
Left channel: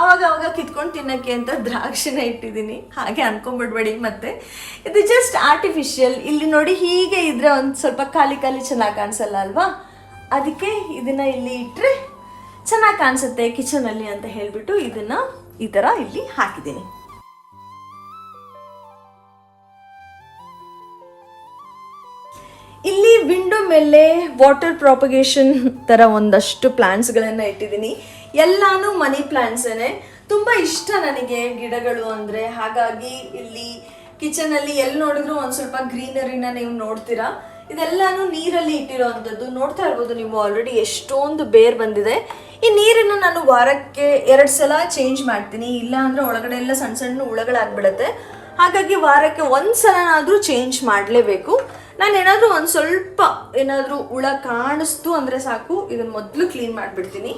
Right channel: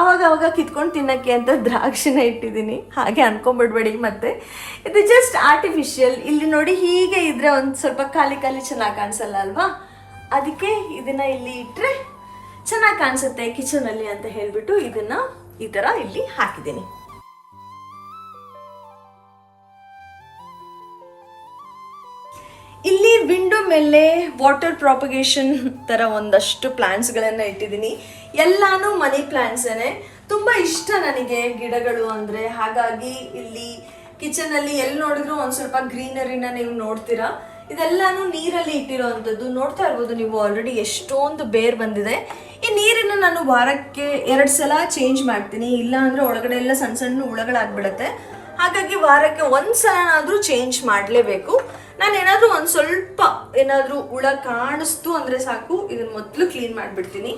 ಅವಾಗ ಕಿತ್ಕೊಂಡು ತಿನ್ನಕ್ಕೆ ಅಂತ ದ್ರಾಕ್ಷಿನ ಇಟ್ಟಿದ್ದೀನಿ. ಹಾಗೆ ಅನ್ಕೊಂಡ್ಬಿಡ್ಬೇಡಿ, ಮತ್ತೆ ಇದು ಜಸ್ಟ್ ಆರ್ಟಿಫಿಷಿಯಲ್. ಇಲ್ಲಿ ನೋಡಿ ಹೀಗೆ ಇದ್ರೆ ಒಂದು ಸ್ವಲ್ಪ ಖಾಲಿ ಚೆನ್ನಾಗಿ ಕಾಣಿಸಲ್ಲ ಅಲ್ವಾ, ಅದಕ್ಕೆ ಇದನ್ನ ಇಲ್ಲಿ ಇಟ್ಟರೆ ಚೆನ್ನಾಗಿ ಕಾಣಿಸುತ್ತೆ ಕಿಚನ್ ಅಲ್ಲಿ ಅಂತ ಹೇಳ್ಬಿಟ್ಟು ಇದನ್ನ ಈ ತರ ಇಲ್ಲಿ ಹಾಕಿದ್ದೀನಿ. ಇಲ್ಲಿ ವಿಂಡೋ ಮೇಲೆ ವಾಟರ್ ಪ್ರಾಪಗೇಷನ್ ತರ ಒಂದಷ್ಟು ಪ್ಲಾಂಟ್ಸ್ ಗಳನ್ನ ಇಟ್ಟಿದ್ದೀನಿ. ಎಲ್ಲಾನು ಮನಿ ಪ್ಲಾಂಟ್ಸೇನೆ. ತುಂಬಾ ಇಷ್ಟ ನನಗೆ ಗಿಡಗಳು ಅಂದ್ರೆ. ಹಾಗಾಗಿ ಇಲ್ಲಿ ಕಿಚನ್ ಅಲ್ಲಿ ಎಲ್ಲಿ ನೋಡಿದ್ರು ಒಂದ್ ಸ್ವಲ್ಪ ಗ್ರೀನರಿನ ನೀವು ನೋಡ್ತೀರಾ. ಇದೆಲ್ಲಾನು ನೀರಲ್ಲಿ ಇಟ್ಟಿರೋವಂಥದ್ದು. ನೋಡ್ತಾ ಇರ್ಬೋದು ನೀವು ಆಲ್ರೆಡಿ ಎಷ್ಟೊಂದು ಬೇರ್ ಬಂದಿದೆ. ಈ ನೀರನ್ನ ನಾನು ವಾರಕ್ಕೆ 2 ಸಲ ಚೇಂಜ್ ಮಾಡ್ತೀನಿ, ಇಲ್ಲ ಅಂದ್ರೆ ಒಳಗಡೆ ಎಲ್ಲ ಸಣ್ಣ ಸಣ್ಣ ಹುಳಗಳಾಗ್ಬಿಡತ್ತೆ. ಹಾಗಾಗಿ ವಾರಕ್ಕೆ 1 ಸಲನಾದ್ರೂ ಚೇಂಜ್ ಮಾಡಲೇಬೇಕು. ನಾನು ಏನಾದ್ರೂ ಒಂದ್ ಸ್ವಲ್ಪ ಏನಾದ್ರೂ ಹುಳ ಕಾಣಿಸ್ತು ಅಂದ್ರೆ ಸಾಕು, ಇದನ್ನ ಮೊದಲು ಕ್ಲೀನ್ ಮಾಡ್ಬಿಡ್ತೀನಿ.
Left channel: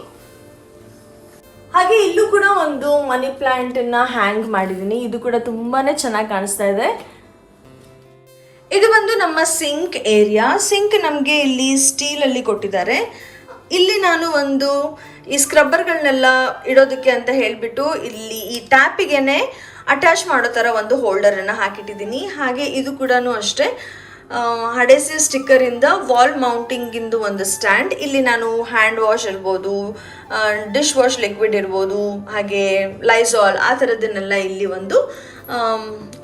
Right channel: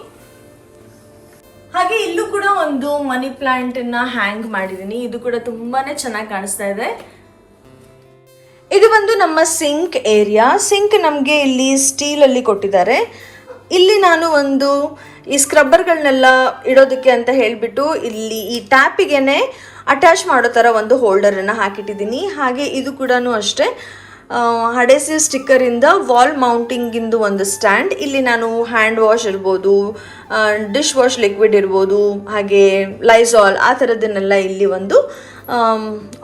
ಹಾಗೆ ಇಲ್ಲೂ ಕೂಡ ಒಂದು ಮನಿ ಪ್ಲಾಂಟ್ ಅನ್ನ ಹ್ಯಾಂಗ್ ಮಾಡಿದೀನಿ. ಇದು ಕೂಡ ತುಂಬಾನೇ ಚೆನ್ನಾಗಿ ಕಾಣಿಸ್ತಾ ಇದೆ. ಇದು ಬಂದು ನಮ್ಮ ಸಿಂಕ್ ಏರಿಯಾ. ಸಿಂಕ್ ನಮಗೆ ಇಲ್ಲಿ ಸ್ಟೀಲ್ ಅಲ್ಲಿ ಕೊಟ್ಟಿದ್ದಾರೆ. ಇಲ್ಲಿ ನಾನು ಒಂದು ಈ ಸ್ಕ್ರಬ್ಬರ್ಗಳನ್ನೆಲ್ಲ ಇಡೋದಕ್ಕೆ ಅಂತ ಹೇಳ್ಬಿಟ್ಟು ಇಲ್ಲಿ ಈ ಟ್ಯಾಪಿಗೆನೆ ಅಟ್ಯಾಚ್ ಮಾಡೋ ತರ ಒಂದು ಹೋಲ್ಡರ್ ಅನ್ನ ಹಾಕಿಟ್ಟಿದ್ದೀನಿ. ಹಾಗೆ ಇದು ಕೂಡ ಅಷ್ಟೇ ಅಡೆಸಿವ್ ಸ್ಟಿಕ್ಕರ್ ಇಂದ ವಾಲ್ ಮೌಂಟಿಂಗ್ ಇಂದು ಒಂದು ಸ್ಟ್ಯಾಂಡ್. ಇಲ್ಲಿ ನಾನು ಹ್ಯಾಂಡ್ ವಾಶ್ ಇರ್ಬೋದು, ಡಿಶ್ ವಾಶ್ ಲಿಕ್ವಿಡ್ ಇರ್ಬೋದು, ಹಾಗೆ ಲೈಸಾಲ್ ಆ ಥರದನ್ನೆಲ್ಲ ಇಲ್ಲಿ ಒಂದು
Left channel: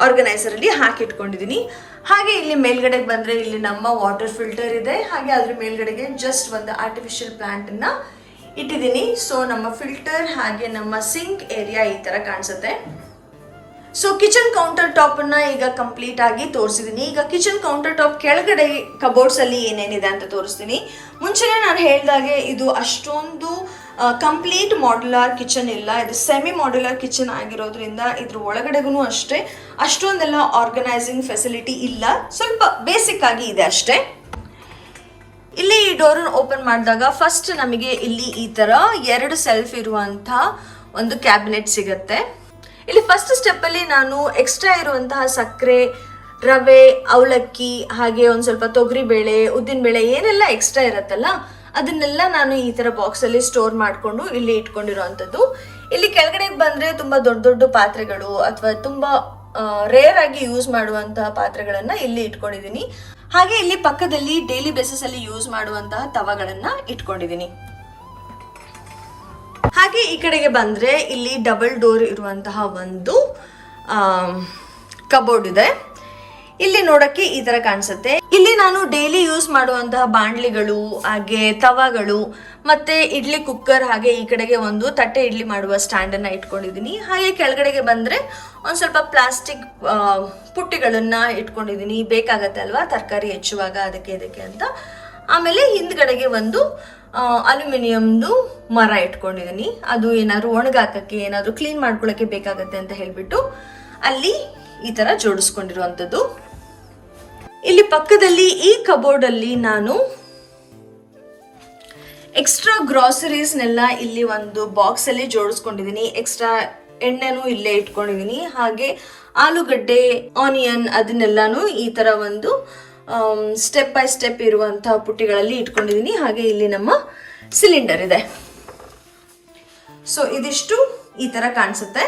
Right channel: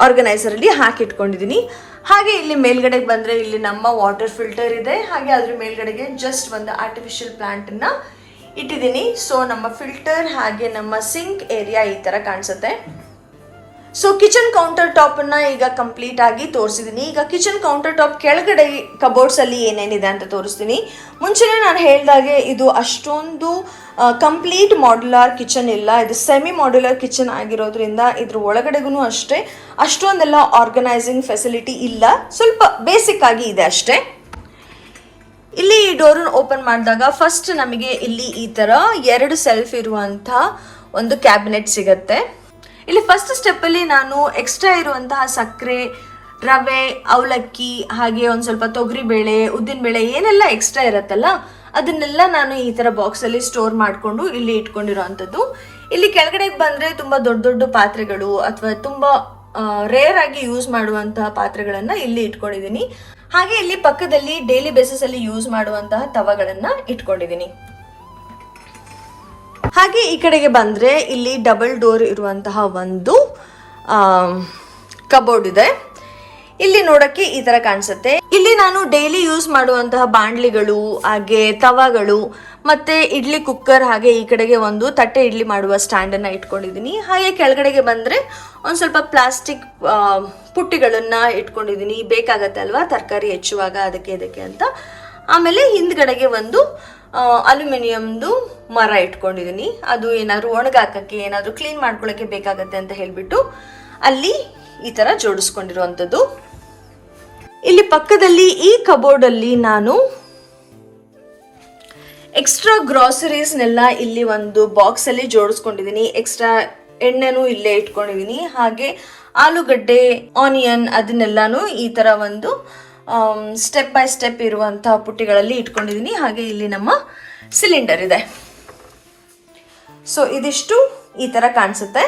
ಆರ್ಗನೈಸರಲ್ಲಿ ಹಾಕಿಟ್ಕೊಂಡಿದ್ದೀನಿ. ಹಾಗೆ ಇಲ್ಲಿ ಮೇಲ್ಗಡೆಗೆ ಬಂದರೆ ಇಲ್ಲಿ ನಮ್ಮ ವಾಟರ್ ಫಿಲ್ಟರ್ ಇದೆ. ಹಾಗೆ ಅದ್ರ ಮೇಲ್ಗಡೆಗೆ ಜಸ್ಟ್ ಒಂದು ಆರ್ಟಿಫಿಷಿಯಲ್ ಪ್ಲಾಂಟನ್ನು ಇಟ್ಟಿದ್ದೀನಿ. ಸೊ ನಮ್ಮ ಫಿಲ್ಟರ್ ಹಾಗೆ ನಮ್ಮ ಸಿಂಕ್ ಏರಿಯಾ ಈ ಥರ ಕಾಣಿಸುತ್ತೆ. ಸೊ ಕಿಚನ್ ಕೌಂಟರ್ ಟಾಪ್ ಅನ್ನ ಈಗ ಕಂಪ್ಲೀಟ್ ಆಗಿ ತೋರಿಸಿದ್ದೀನಿ. ಈಗ ಕಿಚನ್ ಕೌಂಟರ್ ಟಾಪ್ ಕೆಳಗಡೆ ಕಬೋರ್ಡ್ಸ್ ಅಲ್ಲಿ ಏನೇನಿದೆ ಅಂತ ತೋರಿಸ್ತೀನಿ. ಮುಂಚೆನೇ ನಾನು ಹೇಳಿದಾಗೆ ಇದು ಅಷ್ಟೊಂದು ಕಂಪ್ಲೀಟ್ ಮಾಡ್ಯುಲರ್ ಕಿಚನ್ ಇಲ್ಲ. ಇದು ಸೆಮಿ ಮಾಡ್ಯುಲರ್ ಕಿಚನ್ ಆಗಿರೋದ್ರಿಂದ ಇದ್ರ ಒಳಗಡೆಗೂ ಅಷ್ಟೇ ಅಷ್ಟೊಂದೆಲ್ಲ ಆರ್ಗನೈಸಿಂಗ್ ಫೆಸಿಲಿಟಿ ಇಲ್ಲ, ಸ್ವಲ್ಪ ಬೇಸಿಕ್ ಆಗಿ ಇದೆ ಅಷ್ಟೇ. ಇಲ್ಲಿ ಈ ಡೋರ್ ಓಪನ್ ಮಾಡಿದಾಗ ಫಸ್ಟ್ ನಮಗೆ ಇಲ್ಲಿ ಈ ತರ 2 ಸೆಲ್ಫ್ ಇರುವಂತ ಒಂದು ಕ್ಯಾಬಿನೆಟ್ ಸಿಗತ್ತೆ. ಇಲ್ಲಿ ಫಸ್ಟ್ ಸ್ಟೆಪ್ ಅಲ್ಲಿ ನಾನು ಎಕ್ಸ್ಟ್ರಾ ಇರುವಂತಹ ಸಕ್ಕರೆ, ರವೆ, ಅವಲಕ್ಕಿ, ಹಾಗೆ ಒಂದು ಸ್ವಲ್ಪ ತೊಗರಿ ಬೇಳೆ, ಉದ್ದಿನ ಬೇಳೆ ಏನೆಲ್ಲ ಎಕ್ಸ್ಟ್ರಾ ಇರತ್ತಲ್ಲ ಅದನ್ನೆಲ್ಲ ನಾನು ಈ ತರ ಬಾಕ್ಸ್ ಅಲ್ಲಿ ಸ್ಟೋರ್ ಮಾಡಿಕೊಂಡು ಇಲ್ಲಿ ಇಟ್ಕೊಂಡಿರೋವಂಥದ್ದು. ಇಲ್ಲಿ ಕೆಳಗಡೆ ಬಂದ್ರೆ ತುಂಬಾ ದೊಡ್ಡ ದೊಡ್ಡ ಪಾತ್ರೆಗಳು ಅಥವಾ ತುಂಬಾ ರೇರ್ ಆಗಿ ಯೂಸ್ ಮಾಡುವಂತಹ ಪಾತ್ರೆಗಳನ್ನ ಇಲ್ಲಿ ಇಟ್ಕೊಂಡಿದ್ದೀನಿ. ಹಾಗೆ ಇಲ್ಲಿ ಪಕ್ಕದಲ್ಲಿ ಡೈಲಿ ಬೇಸಿಸ್ ಅಲ್ಲಿ ಯೂಸ್ ಮಾಡುವಂತಹ ತವಗಳನ್ನ ಇಟ್ಕೊಂಡಿದ್ದೀನಿ. ಹಾಗೆ ಈ ಕಡೆಗೆ ಬಂದರೆ ಇಲ್ಲಿ ಡಬಲ್ ಡೋರ್ ಇರುವಂತಹ ಒಂದು ಕಬೋರ್ಡ್ ಇದೆ. ಇಲ್ಲಿ ನೋಡಕ್ಕೆ ಈ ತರ ಕಾಣಿಸುತ್ತೆ. ಇಲ್ಲಿ ನಾನು ಡೈಲಿ ಯೂಸ್ ಮಾಡುವಂತಹ ಬಾಂಡ್ಲಿಗಳು, ಹಾಗೆ ತವಾಗಳು, ಮತ್ತೆ ಇಡ್ಲಿ ಕುಕ್ಕರ್, ಹಾಗೆ ಈ ಕಡೆಗೆ ಒಂದು ತಟ್ಟೆ ಇಡ್ಲಿ ಮಾಡುವ ಸ್ಟ್ಯಾಂಡ್ ಅನ್ನ ಇಟ್ಕೊಂಡಿದ್ದೀನಿ. ಹಾಗೆ ಕೆಳಗಡೆಗೆ ಬಂದ್ರೆ ಒಂದ್ ಸ್ವಲ್ಪ ಪ್ಲಾಸ್ಟಿಕ್ ಪುಟ್ಟಿಗಳನ್ನ ಇಟ್ಕೊಂಡಿದ್ದೀನಿ. ಬೇಕಾಗತ್ತೆ ಅಲ್ವಾ ತರಕಾರಿ ಹೆಚ್ಚುವಾಗ ಅದಕ್ಕೆ ಇದಕ್ಕೆ ಅಂತ. ಆಮೇಲೆ ಹಿಂದ್ಗಡೆಗೆ ಒಂದು ಅಲ್ಯೂಮಿನಿಯಂದು ಮರ ಇಟ್ಕೊಂಡಿದ್ದೀನಿ. ಅದು ಏನಾದ್ರು ಒಣಗಾಕಕ್ಕೆ, ಏನಾದ್ರು ಕ್ಲೀನ್ ಮಾಡ್ಕೊಳಕ್ಕೆ ಬೇಕಾಗತ್ತೆ ಅಂತ ಹೇಳ್ಬಿಟ್ಟು ಅಲ್ಲಿ ಈ ತರ ಜೋಡಿಸ್ಕೊಂಡಿರುವಂಥದ್ದು. ಇಲ್ಲಿ ಪಕ್ಕದಲ್ಲಿ ಈ ಕಬೋರ್ಡ್ ಅಲ್ಲಿ ನಾನು ಎಕ್ಸ್ಟ್ರಾ ಗ್ರಾಸರೀಸ್ನೆಲ್ಲ ಇಲ್ಲಿ ಒಂದು ಬಾಕ್ಸ್ ಅಲ್ಲಿ ಜೋಡಿಸ್ಕೊಂಡಿದ್ದೀನಿ. ಎಕ್ಸ್ಟ್ರಾ ಎಣ್ಣೆನೂ ಇಲ್ಲೇ ಇಟ್ಕೊಂಡಿದ್ದೀನಿ. ಹಾಗೆ ಆಲೂಗಡ್ಡೆ, ಆನಿಯನ್ ಅದನ್ನೆಲ್ಲಾನು ಈ ತರ ಒಂದು ಸ್ಟೆಪ್ ಬೈ ಸ್ಟೆಪ್ ಇರುವಂತಹ ಪುಟ್ಟಿಗಳಲ್ಲಿ ಇಟ್ಕೊಂಡಿದ್ದೀನಿ. ಹಾಗೆ ಇಲ್ಲಿ ನಮ್ಮ ಸಿಲಿಂಡರ್ ಇದೆ. ಸೊ ಇದಿಷ್ಟು ಈ ತರ ಕಾಣಿಸುತ್ತೆ.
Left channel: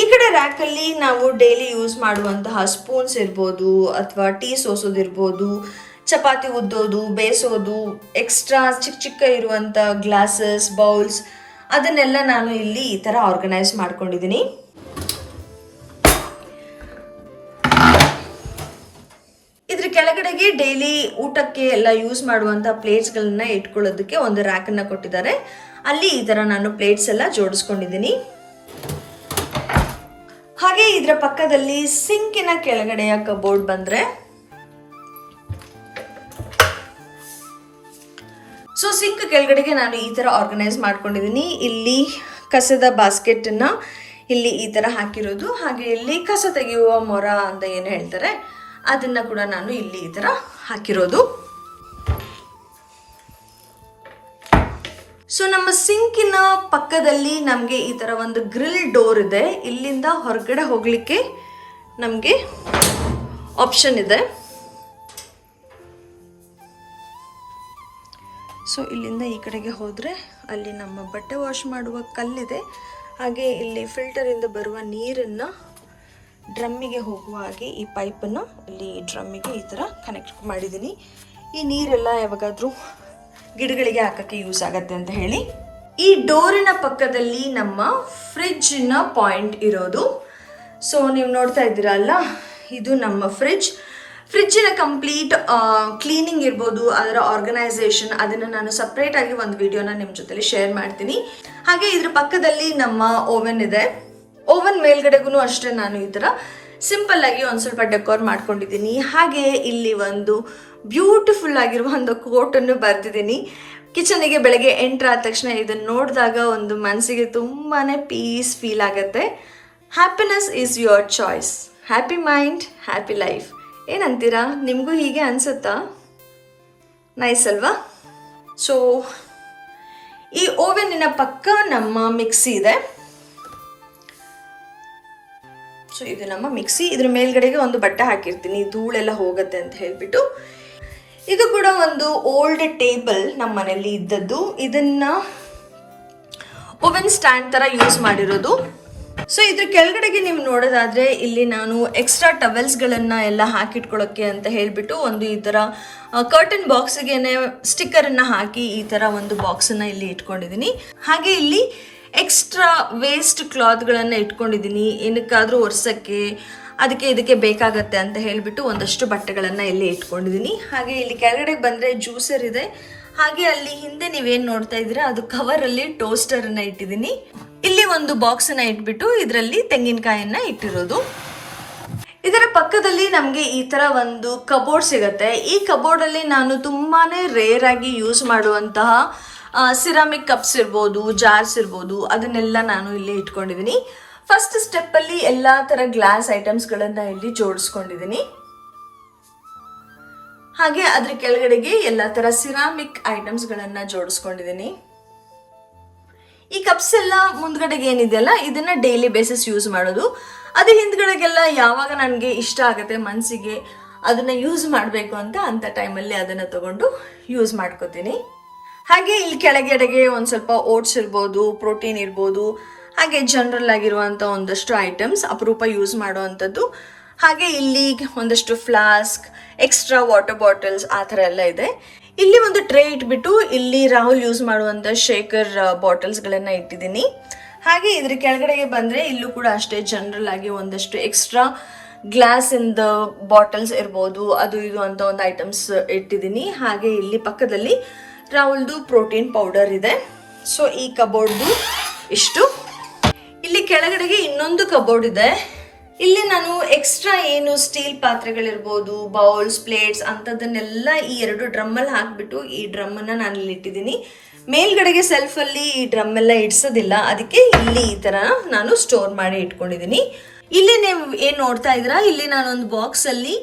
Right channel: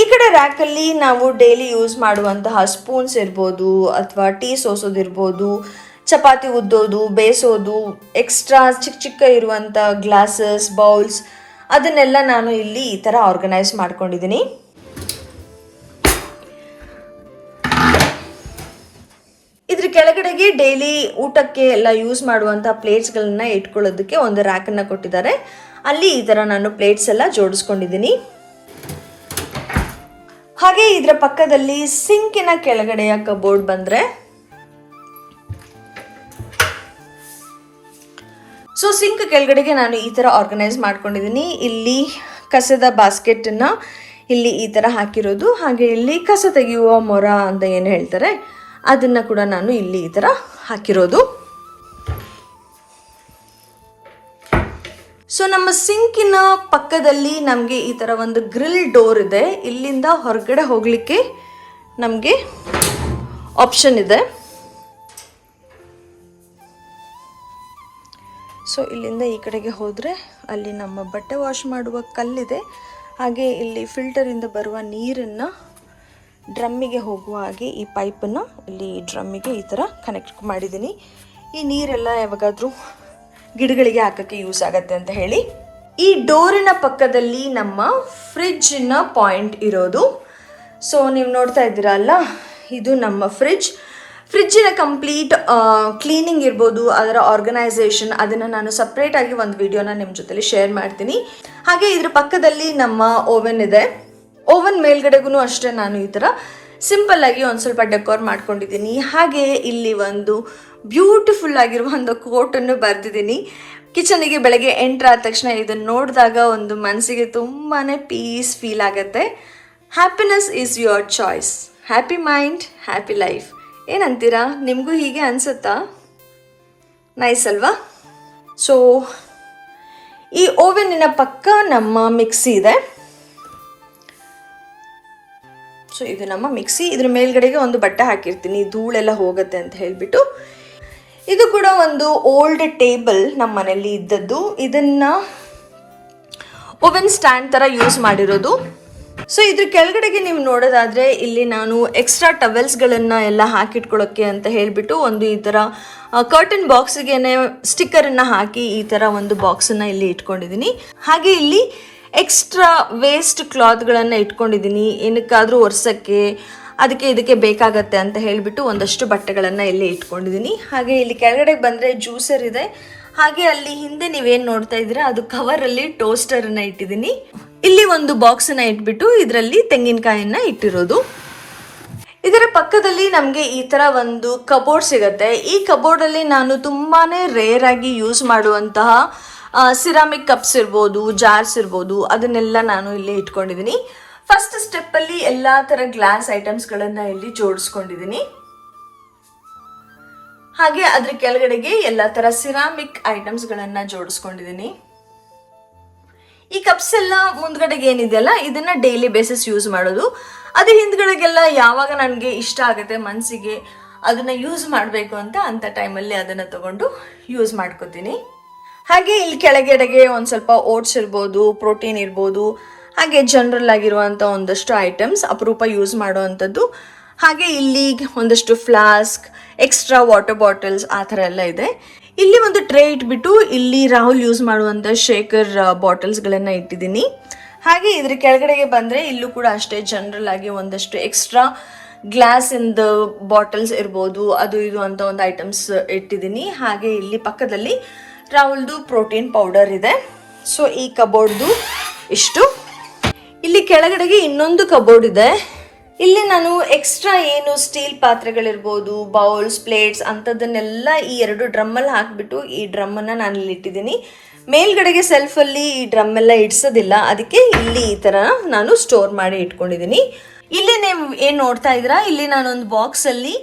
ಈ ಕಡೆ ರ್ಯಾಕಲ್ಲಿ ನಾವು ಡೈಲಿ ಯೂಸ್ ಮಾಡುವಂತಹ ಸ್ಪೂನ್ಸ್ ಇರ್ಬೋದು, ಅಥವಾ ಟೀ ಸೋಸೋದಿರ್ಬೋದು, ಚಪಾತಿ ಉದ್ದೋದು, ಬೇಯಿಸೋದು, ಎಕ್ಸ್ಟ್ರಾ ಚಿಕ್ಕ ಚಿಕ್ಕ ಇರುವಂಥ ಗ್ಲಾಸಸ್, ಬೌಲ್ಸ್ ಅದನ್ನೆಲ್ಲ ನಾನು ಇಲ್ಲಿ ಈ ಥರ ಆರ್ಗನೈಸ್ ಮಾಡ್ಕೊಂಡಿದ್ದೀನಿ. ಇದ್ರ ಕೆಳಗಡೆಗೆ ಡೈಲಿ ಊಟಕ್ಕೆ ಎಲ್ಲ ಯೂಸ್ ಮಾಡುವಂಥ ಪ್ಲೇಟ್ಸ್ಗಳನ್ನ ಇಟ್ಕೊಳ್ಳೋದಕ್ಕೆ ಒಂದು ರ್ಯಾಕನ್ನು ಕೊಟ್ಟಿದ್ದಾರೆ. ಅಲ್ಲಿ ಈ ಥರ ನಾನು ಪ್ಲೇಟ್ಸ್ ಎಲ್ಲ ಜೋಡಿಸ್ಕೊಂಡಿದ್ದೀನಿ. ಹಾಗೆ ಇದರ ಪಕ್ಕದಲ್ಲಿ ಸಿಂಕಿನ ಕೆಳಗಡೆಯ ಕಬೋರ್ಡ್ ಬಂದರೆ, ಸೊ ಸಿಂಕ್ ಕೆಳಗಡೆಗೆ ನಾನು ಈ ಥರ ಆರ್ಗನೈಸ್ ಮಾಡ್ಕೊಂಡಿದ್ದೀನಿ. ಇಲ್ಲಿ ಕಸದ ಬಾಸ್ಕೆಟನ್ನು ಇಲ್ಲಿ ಈ ಥರ ಹಾಕಿರೋದು, ಹಾಗೆ ಇಲ್ಲಿ ಕಸ ತೆಗೆಯುವ ಮೊರ ಅಂತ ಏನು ಹೇಳ್ತಾರೆ ಅದನ್ನು ಕೂಡ ನಾನು ಇಲ್ಲಿ ಈ ಥರ ಹಾಕಿರೋದು. ಸೊ ನಮ್ಮ ಸಿಂಕಿನ ಪಕ್ಕದಲ್ಲಿ ನಮಗೆ ಈ ಥರ ಒಂದು ಗ್ರಿಲ್ ಡೋರ್ ಇದೆ. ಇಲ್ಲಿಂದ ಹೊರಗಡೆ ಹೋಗಲಿಕ್ಕೆ ನಮಗೆ ಆಪ್ಷನ್ ಇದೆ. ಸೊ ಇಲ್ಲಿಂದ ಈ ಕಡೆಗೆ ಹೋದರೆ ಅಲ್ಲಿ ನಮ್ಮ ಬಟ್ಟೆ ವಾಶ್ ಮಾಡುವ ಕಲ್ಲಿದೆ. ಹಾಗೆ ಇಲ್ಲಿ ಫಿಲ್ಟರಿಂದ ಬರುವ ನೀರನ್ನು ಡ್ರಮ್ಮಿಗೆ ಹೋಗುವ ಹಾಗೆ ಈ ಪೈಪನ್ನು ಇಲ್ಲಿ ಡ್ರಮ್ಮಿಗೆ ಈ ಥರ ಕನೆಕ್ಟ್ ಮಾಡಿದ್ದೀನಿ. ಈ ನೀರೆಲ್ಲ ಯಾವಾಗಾದರೂ ಗಿಡಗಳಿಗೆ ಹಾಕೋಕ್ಕೆ ಯೂಸ್ ಆಗುತ್ತೆ ಅಂತ ಹೇಳಿ. ಈ ಡೋರಿನ ಪಕ್ಕದಲ್ಲಿ ನಮ್ಮ ಫ್ರಿಡ್ಜಿನ ಪಾಯಿಂಟ್ ಇರೋದು. ಸೊ ನೀವು ನೋಡ್ತಾ ಇದ್ದೀರಲ್ಲ, ಇದು ನಮ್ಮ ಫ್ರಿಡ್ಜಿನ ಕಂಪ್ಲೀಟ್ ಕ್ಲೀನಿಂಗ್ ಇರ್ಬೋದು, ಅದರ ಆರ್ಗನೈಸೇಷನ್, ಅದನ್ನು ನಾನು ಸಪ್ರೇಟಾಗಿ ಒಂದು ವಿಡಿಯೋನ ನಿಮ್ಮ ಜೊತೆಲಿ ಶೇರ್ ಮಾಡ್ತೀನಿ. ಹಾಗೆ ಇದ್ರ ಪಕ್ಕದಲ್ಲಿ ನಮ್ಮ ಓವೆನ್ ಇದೆ. ಓವನ್ ಮೇಲ್ಗಡೆಗೂ ಅಷ್ಟೇ ನಾನು ಈ ಥರ ಸಿಂಪಲ್ಲಾಗಿ ಒಂದು ಸ್ವಲ್ಪ ಡೆಕೋರ್ ಮಾಡ್ಕೊಂಡಿದ್ದೀನಿ. ಹಾಗೆ ಇಲ್ಲಿ ಒಂದು ಬ್ಯೂಟಿಫುಲ್ ಆಗಿರುವ ಒಂದು ಕೋಟನ್ನು ಬರೆದಿದ್ದೀನಿ. ಕಿಚನಿಗೆ ಬೆಳಗ್ಗೆ ಎಂಟ್ರ್ ಆದ ತಕ್ಷಣ ಇದನ್ನು ನೋಡಿದಾಗ ಒಂದು ಮನಸ್ಸಿಗೆ ತುಂಬಾ ಪೀಸ್ ಫೀಲ್ ಆಗುತ್ತೆ. Happiness is your choice, happy mind happy life. ಏನಂತೀರಾ? ನಿಮಗೂ ಹೀಗೆ ಅನಿಸುತ್ತಾ? ನೈಸ್ ಅಲ್ವಾ? ಸೊ ಈ ಓವೆನ್ನಿನ ಪಕ್ಕ ನಮ್ಮ ಮಿಕ್ಸಿ ಇದೆ. ಸೊ ಇದು ನಮ್ಮ ಮಿಕ್ಸಿ. ಇದ್ರ ಮೇಲ್ಗಡೆಗೆ ಒಂದು ಬಟ್ಟೆ ಹಾಕಿರ್ತೀನಿ, ಧೂಳೆಲ್ಲ ಹೋಗುತ್ತೆ ಅಂತ ಹೇಳಿಬಿಟ್ಟು. ಇದು ಕೂಡ ಒಂದು ಓಲ್ಡ್ ಟೇಬಲ್ ನಮ್ಮ ಮನೆಯಲ್ಲಿ ಇದ್ದದ್ದು. ಇದನ್ನು ಓವೆನ್ ಸ್ಟ್ಯಾಂಡ್ ಥರ ಯೂಸ್ ಮಾಡಿರೋದು. ಸೊ ಇದ್ರ ಕೆಳಗಡೆಗೆ ನೀವು ನೋಡೋದಾದರೆ ಇಲ್ಲಿ ನಾನು ಎಕ್ಸ್ಟ್ರಾ ಟವೆಲ್ಸ್ಗಳನ್ನು ಎಲ್ಲ ಹಾಕಿಟ್ಕೊಳ್ಳೋಕ್ಕೆ ಅಂತ ಹೇಳಿಬಿಟ್ಟು ಒಂದು ಈ ಥರ ಕರ್ಟನ್ ಬಾಕ್ಸಿಗೆ ಸ್ಟಿಕ್ಕರನ್ನು ಹಾಕಿ ಈ ಥರ ಒಂದು ಬಾಕ್ಸನ್ನು ಇಲ್ಲಿ ಇಟ್ಕೊಂಡಿದ್ದೀನಿ. ಹಾಗೆ ಇಲ್ಲಿ ಎಕ್ಸ್ಟ್ರಾ ವೇಸ್ಟ್ ಕ್ಲಾತ್ಗಳನ್ನು ಇಟ್ಕೊಂಡಿದ್ದೀನಿ, ಏನಕ್ಕಾದರೂ ಒರೆಸೋಕ್ಕೆ ಅದಕ್ಕೆ ಇದಕ್ಕೆ ಬೇಕಾಗತ್ತೆ ಅಂತ ಹೇಳಿಬಿಟ್ಟು ಒಂದಷ್ಟು ಬಟ್ಟೆಗಳನ್ನು ಇಲ್ಲಿ ಇಟ್ಕೊಂಡಿದ್ದೀನಿ. ಹಾಗೆ ಇಲ್ಲಿ ಕೆಳಗಡೆ ಬಂದರೆ ಜ್ಯೂಸರ್ ಇದೆ. ಹಾಗೆ ಅಲ್ಲಿ ಹಿಂದೆ ನೀವೇನು ನೋಡ್ತಾ ಇದ್ದೀರಾ ಅದು ಕವರಲ್ಲಿ ಟೋಸ್ಟರನ್ನು ಇಟ್ಟಿದ್ದೀನಿ. ಇಲ್ಲಿ ಒಂದು ಬಾಕ್ಸನ್ನು ಇಟ್ಬಿಟ್ಟು ಇದರಲ್ಲಿ ತೆಂಗಿನಕಾಯನ್ನು ಇಟ್ಟಿರೋದು. ಇದರ ಪಕ್ಕದಲ್ಲಿ ನಮಗೆ ಈ ಥರ ಒಂದು ಕಬೋರ್ಡ್ ಸಿಗುತ್ತೆ. ಈ ಕಬೋರ್ಡಲ್ಲಿ ನಾನು ತುಂಬಾ ರೇರ್ ಆಗಿ ಯೂಸ್ ಮಾಡುವಂತಹ ಸಿರಾಮಿಕ್ ಕಪ್ಸ್ ಇರ್ಬೋದು, ಜಾರ್ಸ್ ಇರ್ಬೋದು, ಅದನ್ನೆಲ್ಲ ನಾನು ಇಲ್ಲಿ ಇಟ್ಕೊಂಡಿದ್ದೀನಿ. ಫಸ್ಟ್ ಸ್ಟೆಪ್ಪಲ್ಲಿ ಎಲ್ಲ ಥರ ಗ್ಲಾಸ್ ಐಟಮ್ಸ್ಗಳನ್ನು ಇಲ್ಲಿ ಜೋಡಿಸ್ಕೊಂಡಿದ್ದೀನಿ. ಹಾಗೆ ಅದ್ರ ಕೆಳಗಡೆಗೆ ಎಲ್ಲ ಥರ ಸಿರಾಮಿಕ್ ಐಟಮ್ಸ್ಗಳನ್ನು ಜೋಡಿಸ್ಕೊಂಡಿದ್ದೀನಿ. ಈ ಕಪ್ಸ್ ಎಲ್ಲ ಮುಂದ್ಗಡೆಗೆ ಏನಿದೆಯಲ್ಲ ಇದನ್ನ ಡೈಲಿ ಬೇಸಿಸ್ ಯೂಸ್ ಮಾಡೋದು. ಅದು ಹಿಂದ್ಗಡೆಗೆಲ್ಲ ಯಾವಾಗ ನನಗೆ ಇಷ್ಟ ಆಗುತ್ತೆ ಮನಸ್ಸಿಗೆ ಅದನ್ನ ಯೂಸ್ ಮಾಡಬೇಕು ಅಂತ ಟೈಮಲ್ಲಿ ಅದನ್ನು ತಗೊಂಡು ಯೂಸ್ ಮಾಡ್ಕೋತೀನಿ. ಹಾಗೆ ಇಲ್ಲಿ ಕೆಳಗಡೆಗೆ ಒಂದು ಸ್ವಲ್ಪ ಓಟ್ಸ್ ಇರ್ಬೋದು, ಪ್ರೋಟೀನ್ ಇರ್ಬೋದು, ಹಾಗೆ ಜನರಲ್ ಆಗಿರುವಂಥ ಒಂದಷ್ಟು ಐಟಮ್ಸ್ ಅಪರೂಪ ಯೂಸ್ ಮಾಡುವಂಥದ್ದು. ಹಾಗೆ ಇಲ್ಲಿ ಒಂದಷ್ಟು ಫ್ಲಾಸ್ಕ್, ಎಕ್ಸ್ಟ್ರಾ ವಾಟರ್ ಬಾಟಲ್ಸ್ ಆ ಥರ ಎಲ್ಲ ಇದೆ. ಇಲ್ಲಿ ಒಂದು ಟ್ರೇ ಇಟ್ಬಿಟ್ಟು ಇಲ್ಲಿ ರಾಹುಲ್ ಯೂಸ್ ಮಾಡುವಂಥ ಶೇಕರ್ ಬಾಟಲ್ಸ್ಗಳನ್ನು ಇಟ್ಟಿದ್ದೀನಿ. ಹಾಗೆ ಇದ್ರ ಕೆಳಗಡೆಗೆ ಬಂದರೆ ಇಲ್ಲೂ ಕೂಡ ಅಷ್ಟೇ ಜನರಲ್ ಆಗಿ ಒಂದಷ್ಟು ಎಕ್ಸ್ಟ್ರಾ ಗ್ಲಾಸಿಂದ ಬಾಟಲ್ಸ್ ಇರ್ಬೋದು, ಅದು ಇದು ಅಂತ ಒಂದು ಐಟಮ್ಸ್ ಇಟ್ಟಿದ್ದೀನಿ. ಹಾಗೆ ಇಲ್ಲಿ ಪಕ್ಕದಲ್ಲಿ ರಾಹುಲ್ದು ಪ್ರೋಟೀನ್ ಪೌಡರ್ ಇದೆ. ಸೊ ಈ ಕಬೋರ್ಡ್ದು ಇಷ್ಟು. ಇಲ್ಲಿ ಕೆಳಗಡೆಗೆ ಇನ್ನೊಂದು ಕಬೋರ್ಡ್ ಇದೆ. ಇಲ್ಲಿ ನಾನು ಎಕ್ಸ್ಟ್ರಾ ಏನು ಸ್ಟೀಲ್ ಪಾತ್ರೆಗಳಿರ್ಬೋದು, ಬೌಲ್ಸ್, ಪ್ಲೇಟ್ಸ್ ಅಂಥದ್ದನ್ನೆಲ್ಲ ಈ ಎರಡು ಡ್ರಮ್ಮಲ್ಲಿ ಹಾಕಿಬಿಟ್ಟು ಈ ಡ್ರಮ್ಮನ್ನು ನಾನು ಇಲ್ಲಿ ಇಟ್ಟಿದ್ದೀನಿ. ಮೇಲ್ಗಡೆಗೆ ಸೆಲ್ಫಲ್ಲಿ ಈ ಡ್ರಮ್ ಎಲ್ಲ ಇಡ್ಸೋದಿಲ್ಲ, ಅದಕ್ಕೆ ಇಲ್ಲಿ ಈ ಥರ ನಾನು ಸ್ಟೋರ್ ಮಾಡಿ ಇಟ್ಕೊಂಡಿದ್ದೀನಿ. ಇಲ್ಲಿ ನೀವು ಏನು ನೋಡ್ತಾ ಇದ್ದೀರಾ, ಇಲ್ಲಿ ನಾನೊಂದು ಬಾಕ್ಸಲ್ಲಿ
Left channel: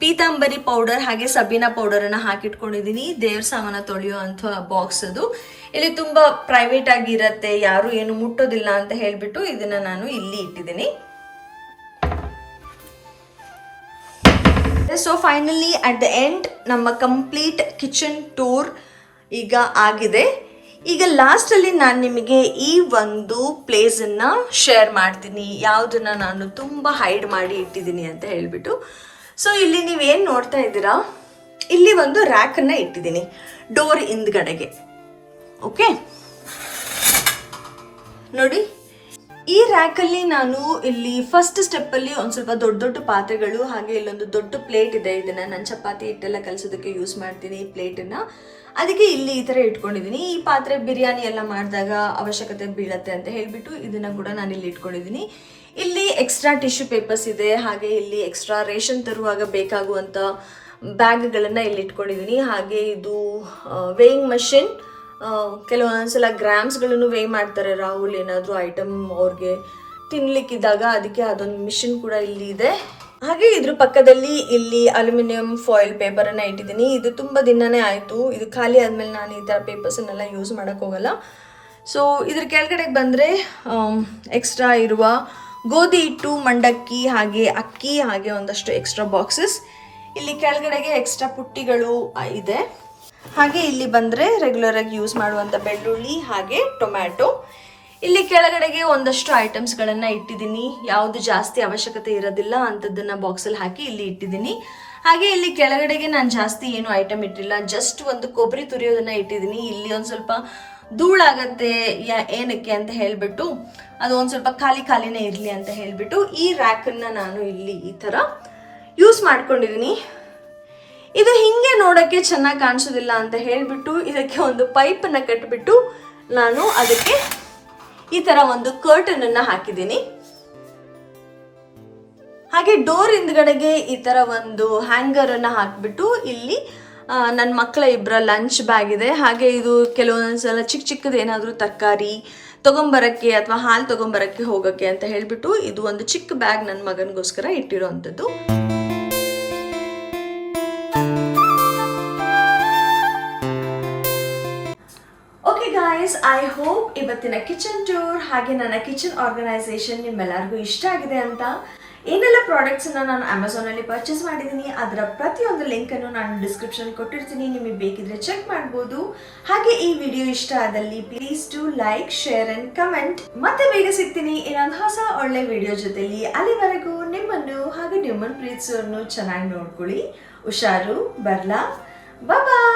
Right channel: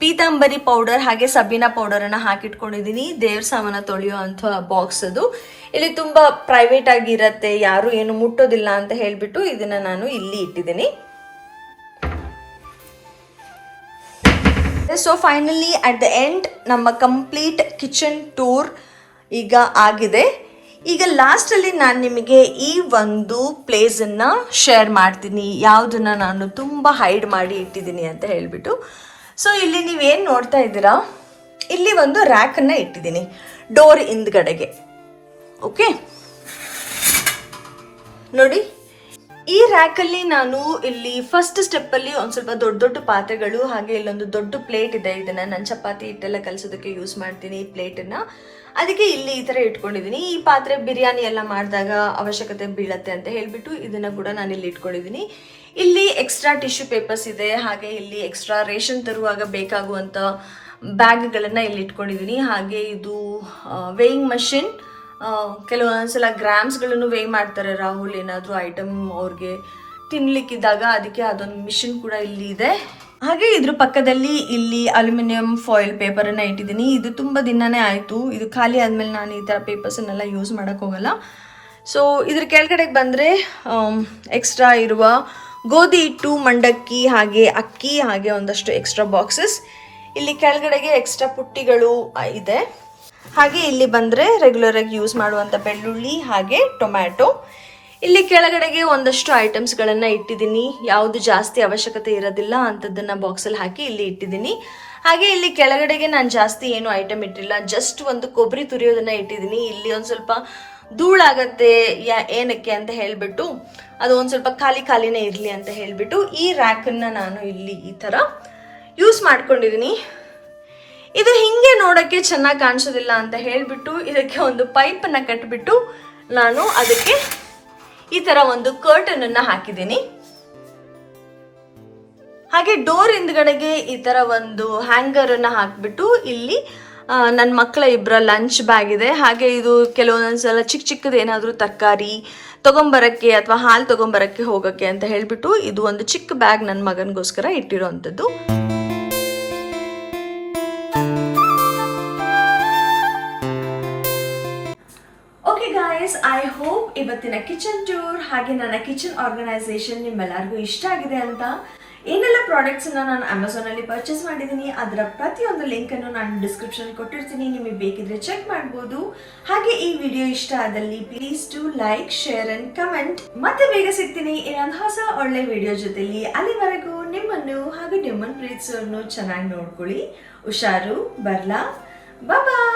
ಪೀತಾಂಬರಿ ಪೌಡರ್ ಹಾಗೆ ಸಬೀನಾ ಪೌಡರನ್ನು ಹಾಕಿಟ್ಕೊಂಡಿದ್ದೀನಿ. ದೇವ್ರ ಸಾಮಾನ ತೊಳೆಯೋ ಅಂಥ ಬಾಕ್ಸ್ ಅದು. ಇಲ್ಲಿ ತುಂಬ ಪ್ರೈವೇಟ್ ಆಗಿರುತ್ತೆ, ಯಾರು ಏನು ಮುಟ್ಟೋದಿಲ್ಲ ಅಂತ ಹೇಳಿಬಿಟ್ಟು ಇದನ್ನು ನಾನು ಇಲ್ಲಿ ಇಟ್ಟಿದ್ದೀನಿ. So finally at the end ನಮ್ಮ ಕಂಪ್ಲೀಟ್ ಕಿಚನ್ ಟೂರ್ ಈಗ ಆಗಿದೆ. ಈಗ ಲಾಸ್ಟಲ್ಲಿ ನಾನು ನಿಮಗೆ ಈ ಒಂದು ಪ್ಲೇಸನ್ನು ಶೇರ್ ಮಾಡ್ತೀನಿ, ಯಾವುದನ್ನು ನಾನು ತುಂಬ ಹೈಡ್ ಮಾಡಿ ಇಟ್ಟಿದ್ದೀನಿ ಅಂತ ಹೇಳಿಬಿಟ್ಟು. ಸೊ ಇಲ್ಲಿ ನೀವೇನು ನೋಡ್ತಾ ಇದ್ದೀರಾ, ಇಲ್ಲಿ ಒಂದು ರ್ಯಾಕನ್ನು ಇಟ್ಟಿದ್ದೀನಿ ಡೋರ್ ಹಿಂದ್ಗಡೆಗೆ. ಓಕೆ, ನೋಡಿ ಈ ರ್ಯಾಕಲ್ಲಿ ನಾನು ಇಲ್ಲಿ ಫಸ್ಟ್ ಸ್ಟೆಪ್ಪಲ್ಲಿ ಒಂದು ಸ್ವಲ್ಪ ದೊಡ್ಡ ದೊಡ್ಡ ಪಾತ್ರೆಗಳು, ಹಾಗೆ ಇಲ್ಲೊಂದು ದೊಡ್ಡ ಪ್ಲೇಟ್ ಇದೆ. ಇದನ್ನು ನಾನು ಚಪಾತಿ ಹಿಟ್ಟೆಲ್ಲ ಕಲಿಸೋದಕ್ಕೆ ಯೂಸ್ ಮಾಡ್ತೀನಿ ಈ ಪ್ಲೇಟನ್ನು. ಅದಕ್ಕೆ ಇಲ್ಲಿ ಈ ಥರ ಇಟ್ಕೊಂಡಿದ್ದೀನಿ. ಈ ಪಾತ್ರೆ ಬಿರಿಯಾನಿ ಎಲ್ಲ ಮಾಡಿದಾಗ ಅವಶ್ಯಕತೆ ಬೀಳತ್ತೆ ಅಂತ ಹೇಳಿಬಿಟ್ಟು ಇದನ್ನು ಕೂಡ ನಾನು ಇಲ್ಲಿ ಇಟ್ಕೊಂಡಿದ್ದೀನಿ. ಇಲ್ಲಿ ಎಕ್ಸ್ಟ್ರಾ ಟಿಶ್ಯೂ ಪೇಪರ್ಸ್ ಇದೆ, ಹಾಗೆ ಇಲ್ಲಿ ಎಕ್ಸ್ಟ್ರಾ ರೇಷನ್ ತರುವಾಗ ಬೇಕಾಗುವಂಥ ಬ್ಯಾಗ್ಗಳನ್ನು ಇಲ್ಲಿ ಇಟ್ಕೊಂಡಿದ್ದೀನಿ. ಹಾಗೆ ಇದು ವೇಯಿಂಗ್ ಮಷಿನ್, ಕೆಲವೊಂದ್ಸಲ ಗ್ರಾಮ್ಸ್ಗಳನ್ನು ವೇ ಮಾಡ್ತಾರೆ ರಾಹುಲ್ ಏನಾದರೂ ಐಟಮ್ ಅವ್ರಿಗೆ ತಿನ್ಲಿಕ್ಕಿದ್ದಾಗ, ಅದಕ್ಕೆ ಅದೊಂದು ಮಿಷಿನ್ ಕೂಡ ಇಲ್ಲಿ ಇದೆ. ಹಾಗೆ ಇದ್ರ ಪಕ್ಕದಲ್ಲಿ ಇಲ್ಲಿ ಅಲ್ಯೂಮಿನಿಯಂ ಫಾಯಿಲ್ ಪೇಪರನ್ನು ಇಟ್ಟಿದ್ದೀನಿ. ಇದು ತುಂಬ ದಿನನೇ ಆಯಿತು, ಇದು ಖಾಲಿ ಆದಮೇಲೆ ನಾನು ಈ ಥರ ಪೇಪರ್ಸನ್ನೆಲ್ಲ ಯೂಸ್ ಮಾಡೋಕ್ಕೆ ಹೋಗಲ್ಲ. ಸೊ ಇದ್ರ ಕೆಳಗಡೆಗೆ ಬಂದರೆ ಎಕ್ಸ್ಟ್ರಾ ಇರುವ ಗೋಧಿ ಹಿಟ್ಟು, ಮಂಡಕ್ಕಿ, ಹಾಗೆ ಅಕ್ಕಿ, ಹಾಗೆ ಒಂದಷ್ಟು ಎಕ್ಸ್ಟ್ರಾ ಬಾಕ್ಸಸ್. ಇಲ್ಲಿ ಕೆಳಗಡೆಗೆ ಎಕ್ಸ್ಟ್ರಾ ಪುಟ್ಟಿಗಳು ಇದೆ. ಹಾಗೆ ಇಲ್ಲಿ ಬಂದರೆ ರೆಗ್ಯುಲರ್ ಆಗಿ ಯೂಸ್ ಮಾಡುವಂಥ ಬೆಳ್ಳುಳ್ಳಿ, ಹಾಗೆ ಟೊಮ್ಯಾಟೊ. ಇಲ್ಲಿ ಕೆಳಗಡೆಗೆ ಒಂದಷ್ಟು ಐಟಮ್ಸ್ಗಳನ್ನು ಇಟ್ಟಿದ್ದೀನಿ, ಯಾವುದು ಜಾಸ್ತಿ ಅವಶ್ಯಕತೆ ಇರೋದಿಲ್ಲ ಅಂಥದ್ದನ್ನು ಬಾಕ್ಸಲ್ಲಿ ಹಾಕಿ ಇಲ್ಲಿ ಇಟ್ಟಿದ್ದೀನಿ. ಹಾಗೆ ಇಲ್ಲಿ ಕೆಳಗಡೆಗೆ ನಾನು ಜಾಸ್ತಿ ಏನು ಐಟಮ್ ಇಟ್ಟಿಲ್ಲ, ಜಸ್ಟ್ ಒಂದು ಕೊಬ್ಬರಿ ತುರಿಯೋದನ್ನು ಇಟ್ಟಿದ್ದೀನಿ. ಇಲ್ಲಿ ಒಂದು ಸ್ವಲ್ಪ ಧೂಳಾಗತ್ತೆ ಏನಕ್ಕೆ ಅಂತ ಹೇಳಿಬಿಟ್ಟು, ಅದು ಒಂದು ಸ್ವಲ್ಪ ಖಾಲಿನೇ ಇರಲಿ ಅಂತ ಹೇಳಿಬಿಟ್ಟು ಈ ರ್ಯಾಕನ್ನು ನಾನು ಇಲ್ಲಿ ಈ ಥರ ಯೂಸ್ ಮಾಡ್ಕೊಂಡಿದ್ದೀನಿ. ಇದು ಹಿಂಗೆ ನೋಡೋಕ್ಕೆ ಚೆನ್ನಾಗಿ ಕಾಣಿಸೋದಿಲ್ಲ ಅಂತ ಹೇಳಿಬಿಟ್ಟು ಇದಕ್ಕೆ ಒಂದು ಪೈಪನ್ನು ಕಟ್ಟಿಬಿಟ್ಟು ನಾನು ಅದಕ್ಕೆ ಈ ಥರ ಒಂದು ಕರ್ಟನನ್ನು ಹಾಕಿದ್ದೀನಿ. ಹಾಗೆ ಡೋರ್ ಹಿಂದ್ಗಡೆಗೆ ಈ ಥರ ಒಂದು ಹ್ಯಾಂಗರನ್ನು ಹಾಕಿಬಿಟ್ಟು ಇಲ್ಲಿ ನನ್ನ ಮಕ್ಕಳ ಇಬ್ಬರ ಲಂಚ್ ಬ್ಯಾಗ್ ಇದೆ. ಹಾಗೆ ಇದು ಕೆಲವೊಂದ್ಸಲ ಚಿಕ್ಕದು ಏನಾದರೂ ತರಕಾರಿ ತೊಗೊಂಬರೋಕ್ಕೆ ಅಥವಾ ಹಾಲು ತೊಗೊಂಬರೋಕ್ಕೆ ಹೋಗೋಕ್ಕೆ ಅಂತ ಹೇಳಿಬಿಟ್ಟು ಇದು ಒಂದು ಚಿಕ್ಕ ಬ್ಯಾಗ್ ನನ್ನ ಮಗನಿಗೋಸ್ಕರ ಇಟ್ಟಿರೋ ಅಂಥದ್ದು. ಐ ಹೋಪ್ ಇವತ್ತಿನ ಕಿಚನ್ ಟೂರ್ ಹಾಗೆ ನನ್ನ ಕಿಚನ್ ಆರ್ಗನೈಸೇಷನ್ ನಿಮ್ಮೆಲ್ಲರಿಗೂ ಇಷ್ಟ ಆಗಿದೆ ಅಂತ. ಏನೆಲ್ಲ ಪ್ರಾಡಕ್ಟ್ಸನ್ನು ನಾನು ಅಮೆಝಾನಲ್ಲಿ ಪರ್ಚೇಸ್ ಮಾಡಿದ್ದೀನಿ ಅದರ ಪ್ರತಿಯೊಂದು ಲಿಂಕನ್ನು ನಾನು ಡಿಸ್ಕ್ರಿಪ್ಷನ್ ಕೊಟ್ಟಿರ್ತೀನಿ, ನಿಮಗೆ ಬೇಕಿದ್ರೆ ಚೆಕ್ ಮಾಡ್ಬೋದು. ಹಾಗೆ ಈ ವಿಡಿಯೋ ಇಷ್ಟ ಆದಲ್ಲಿ please to like, share and comment. ಮತ್ತೆ ಬೇಗ ಸಿಗ್ತೀನಿ ಇನ್ನೊಂದು ಹೊಸ ಒಳ್ಳೆ ವಿಡಿಯೋ ಜೊತೆಲಿ. ಅಲ್ಲಿವರೆಗೂ ನಿಮ್ಮನ್ನು ಹಾಗೆ ನಿಮ್ಮನ್ನು ಪ್ರೀತಿಸೋರನ್ನು ಚೆನ್ನಾಗಿ ನೋಡ್ಕೊಳ್ಳಿ. ಹುಷಾರು, ಬರ್ಲಾ, ಬಾಯ್.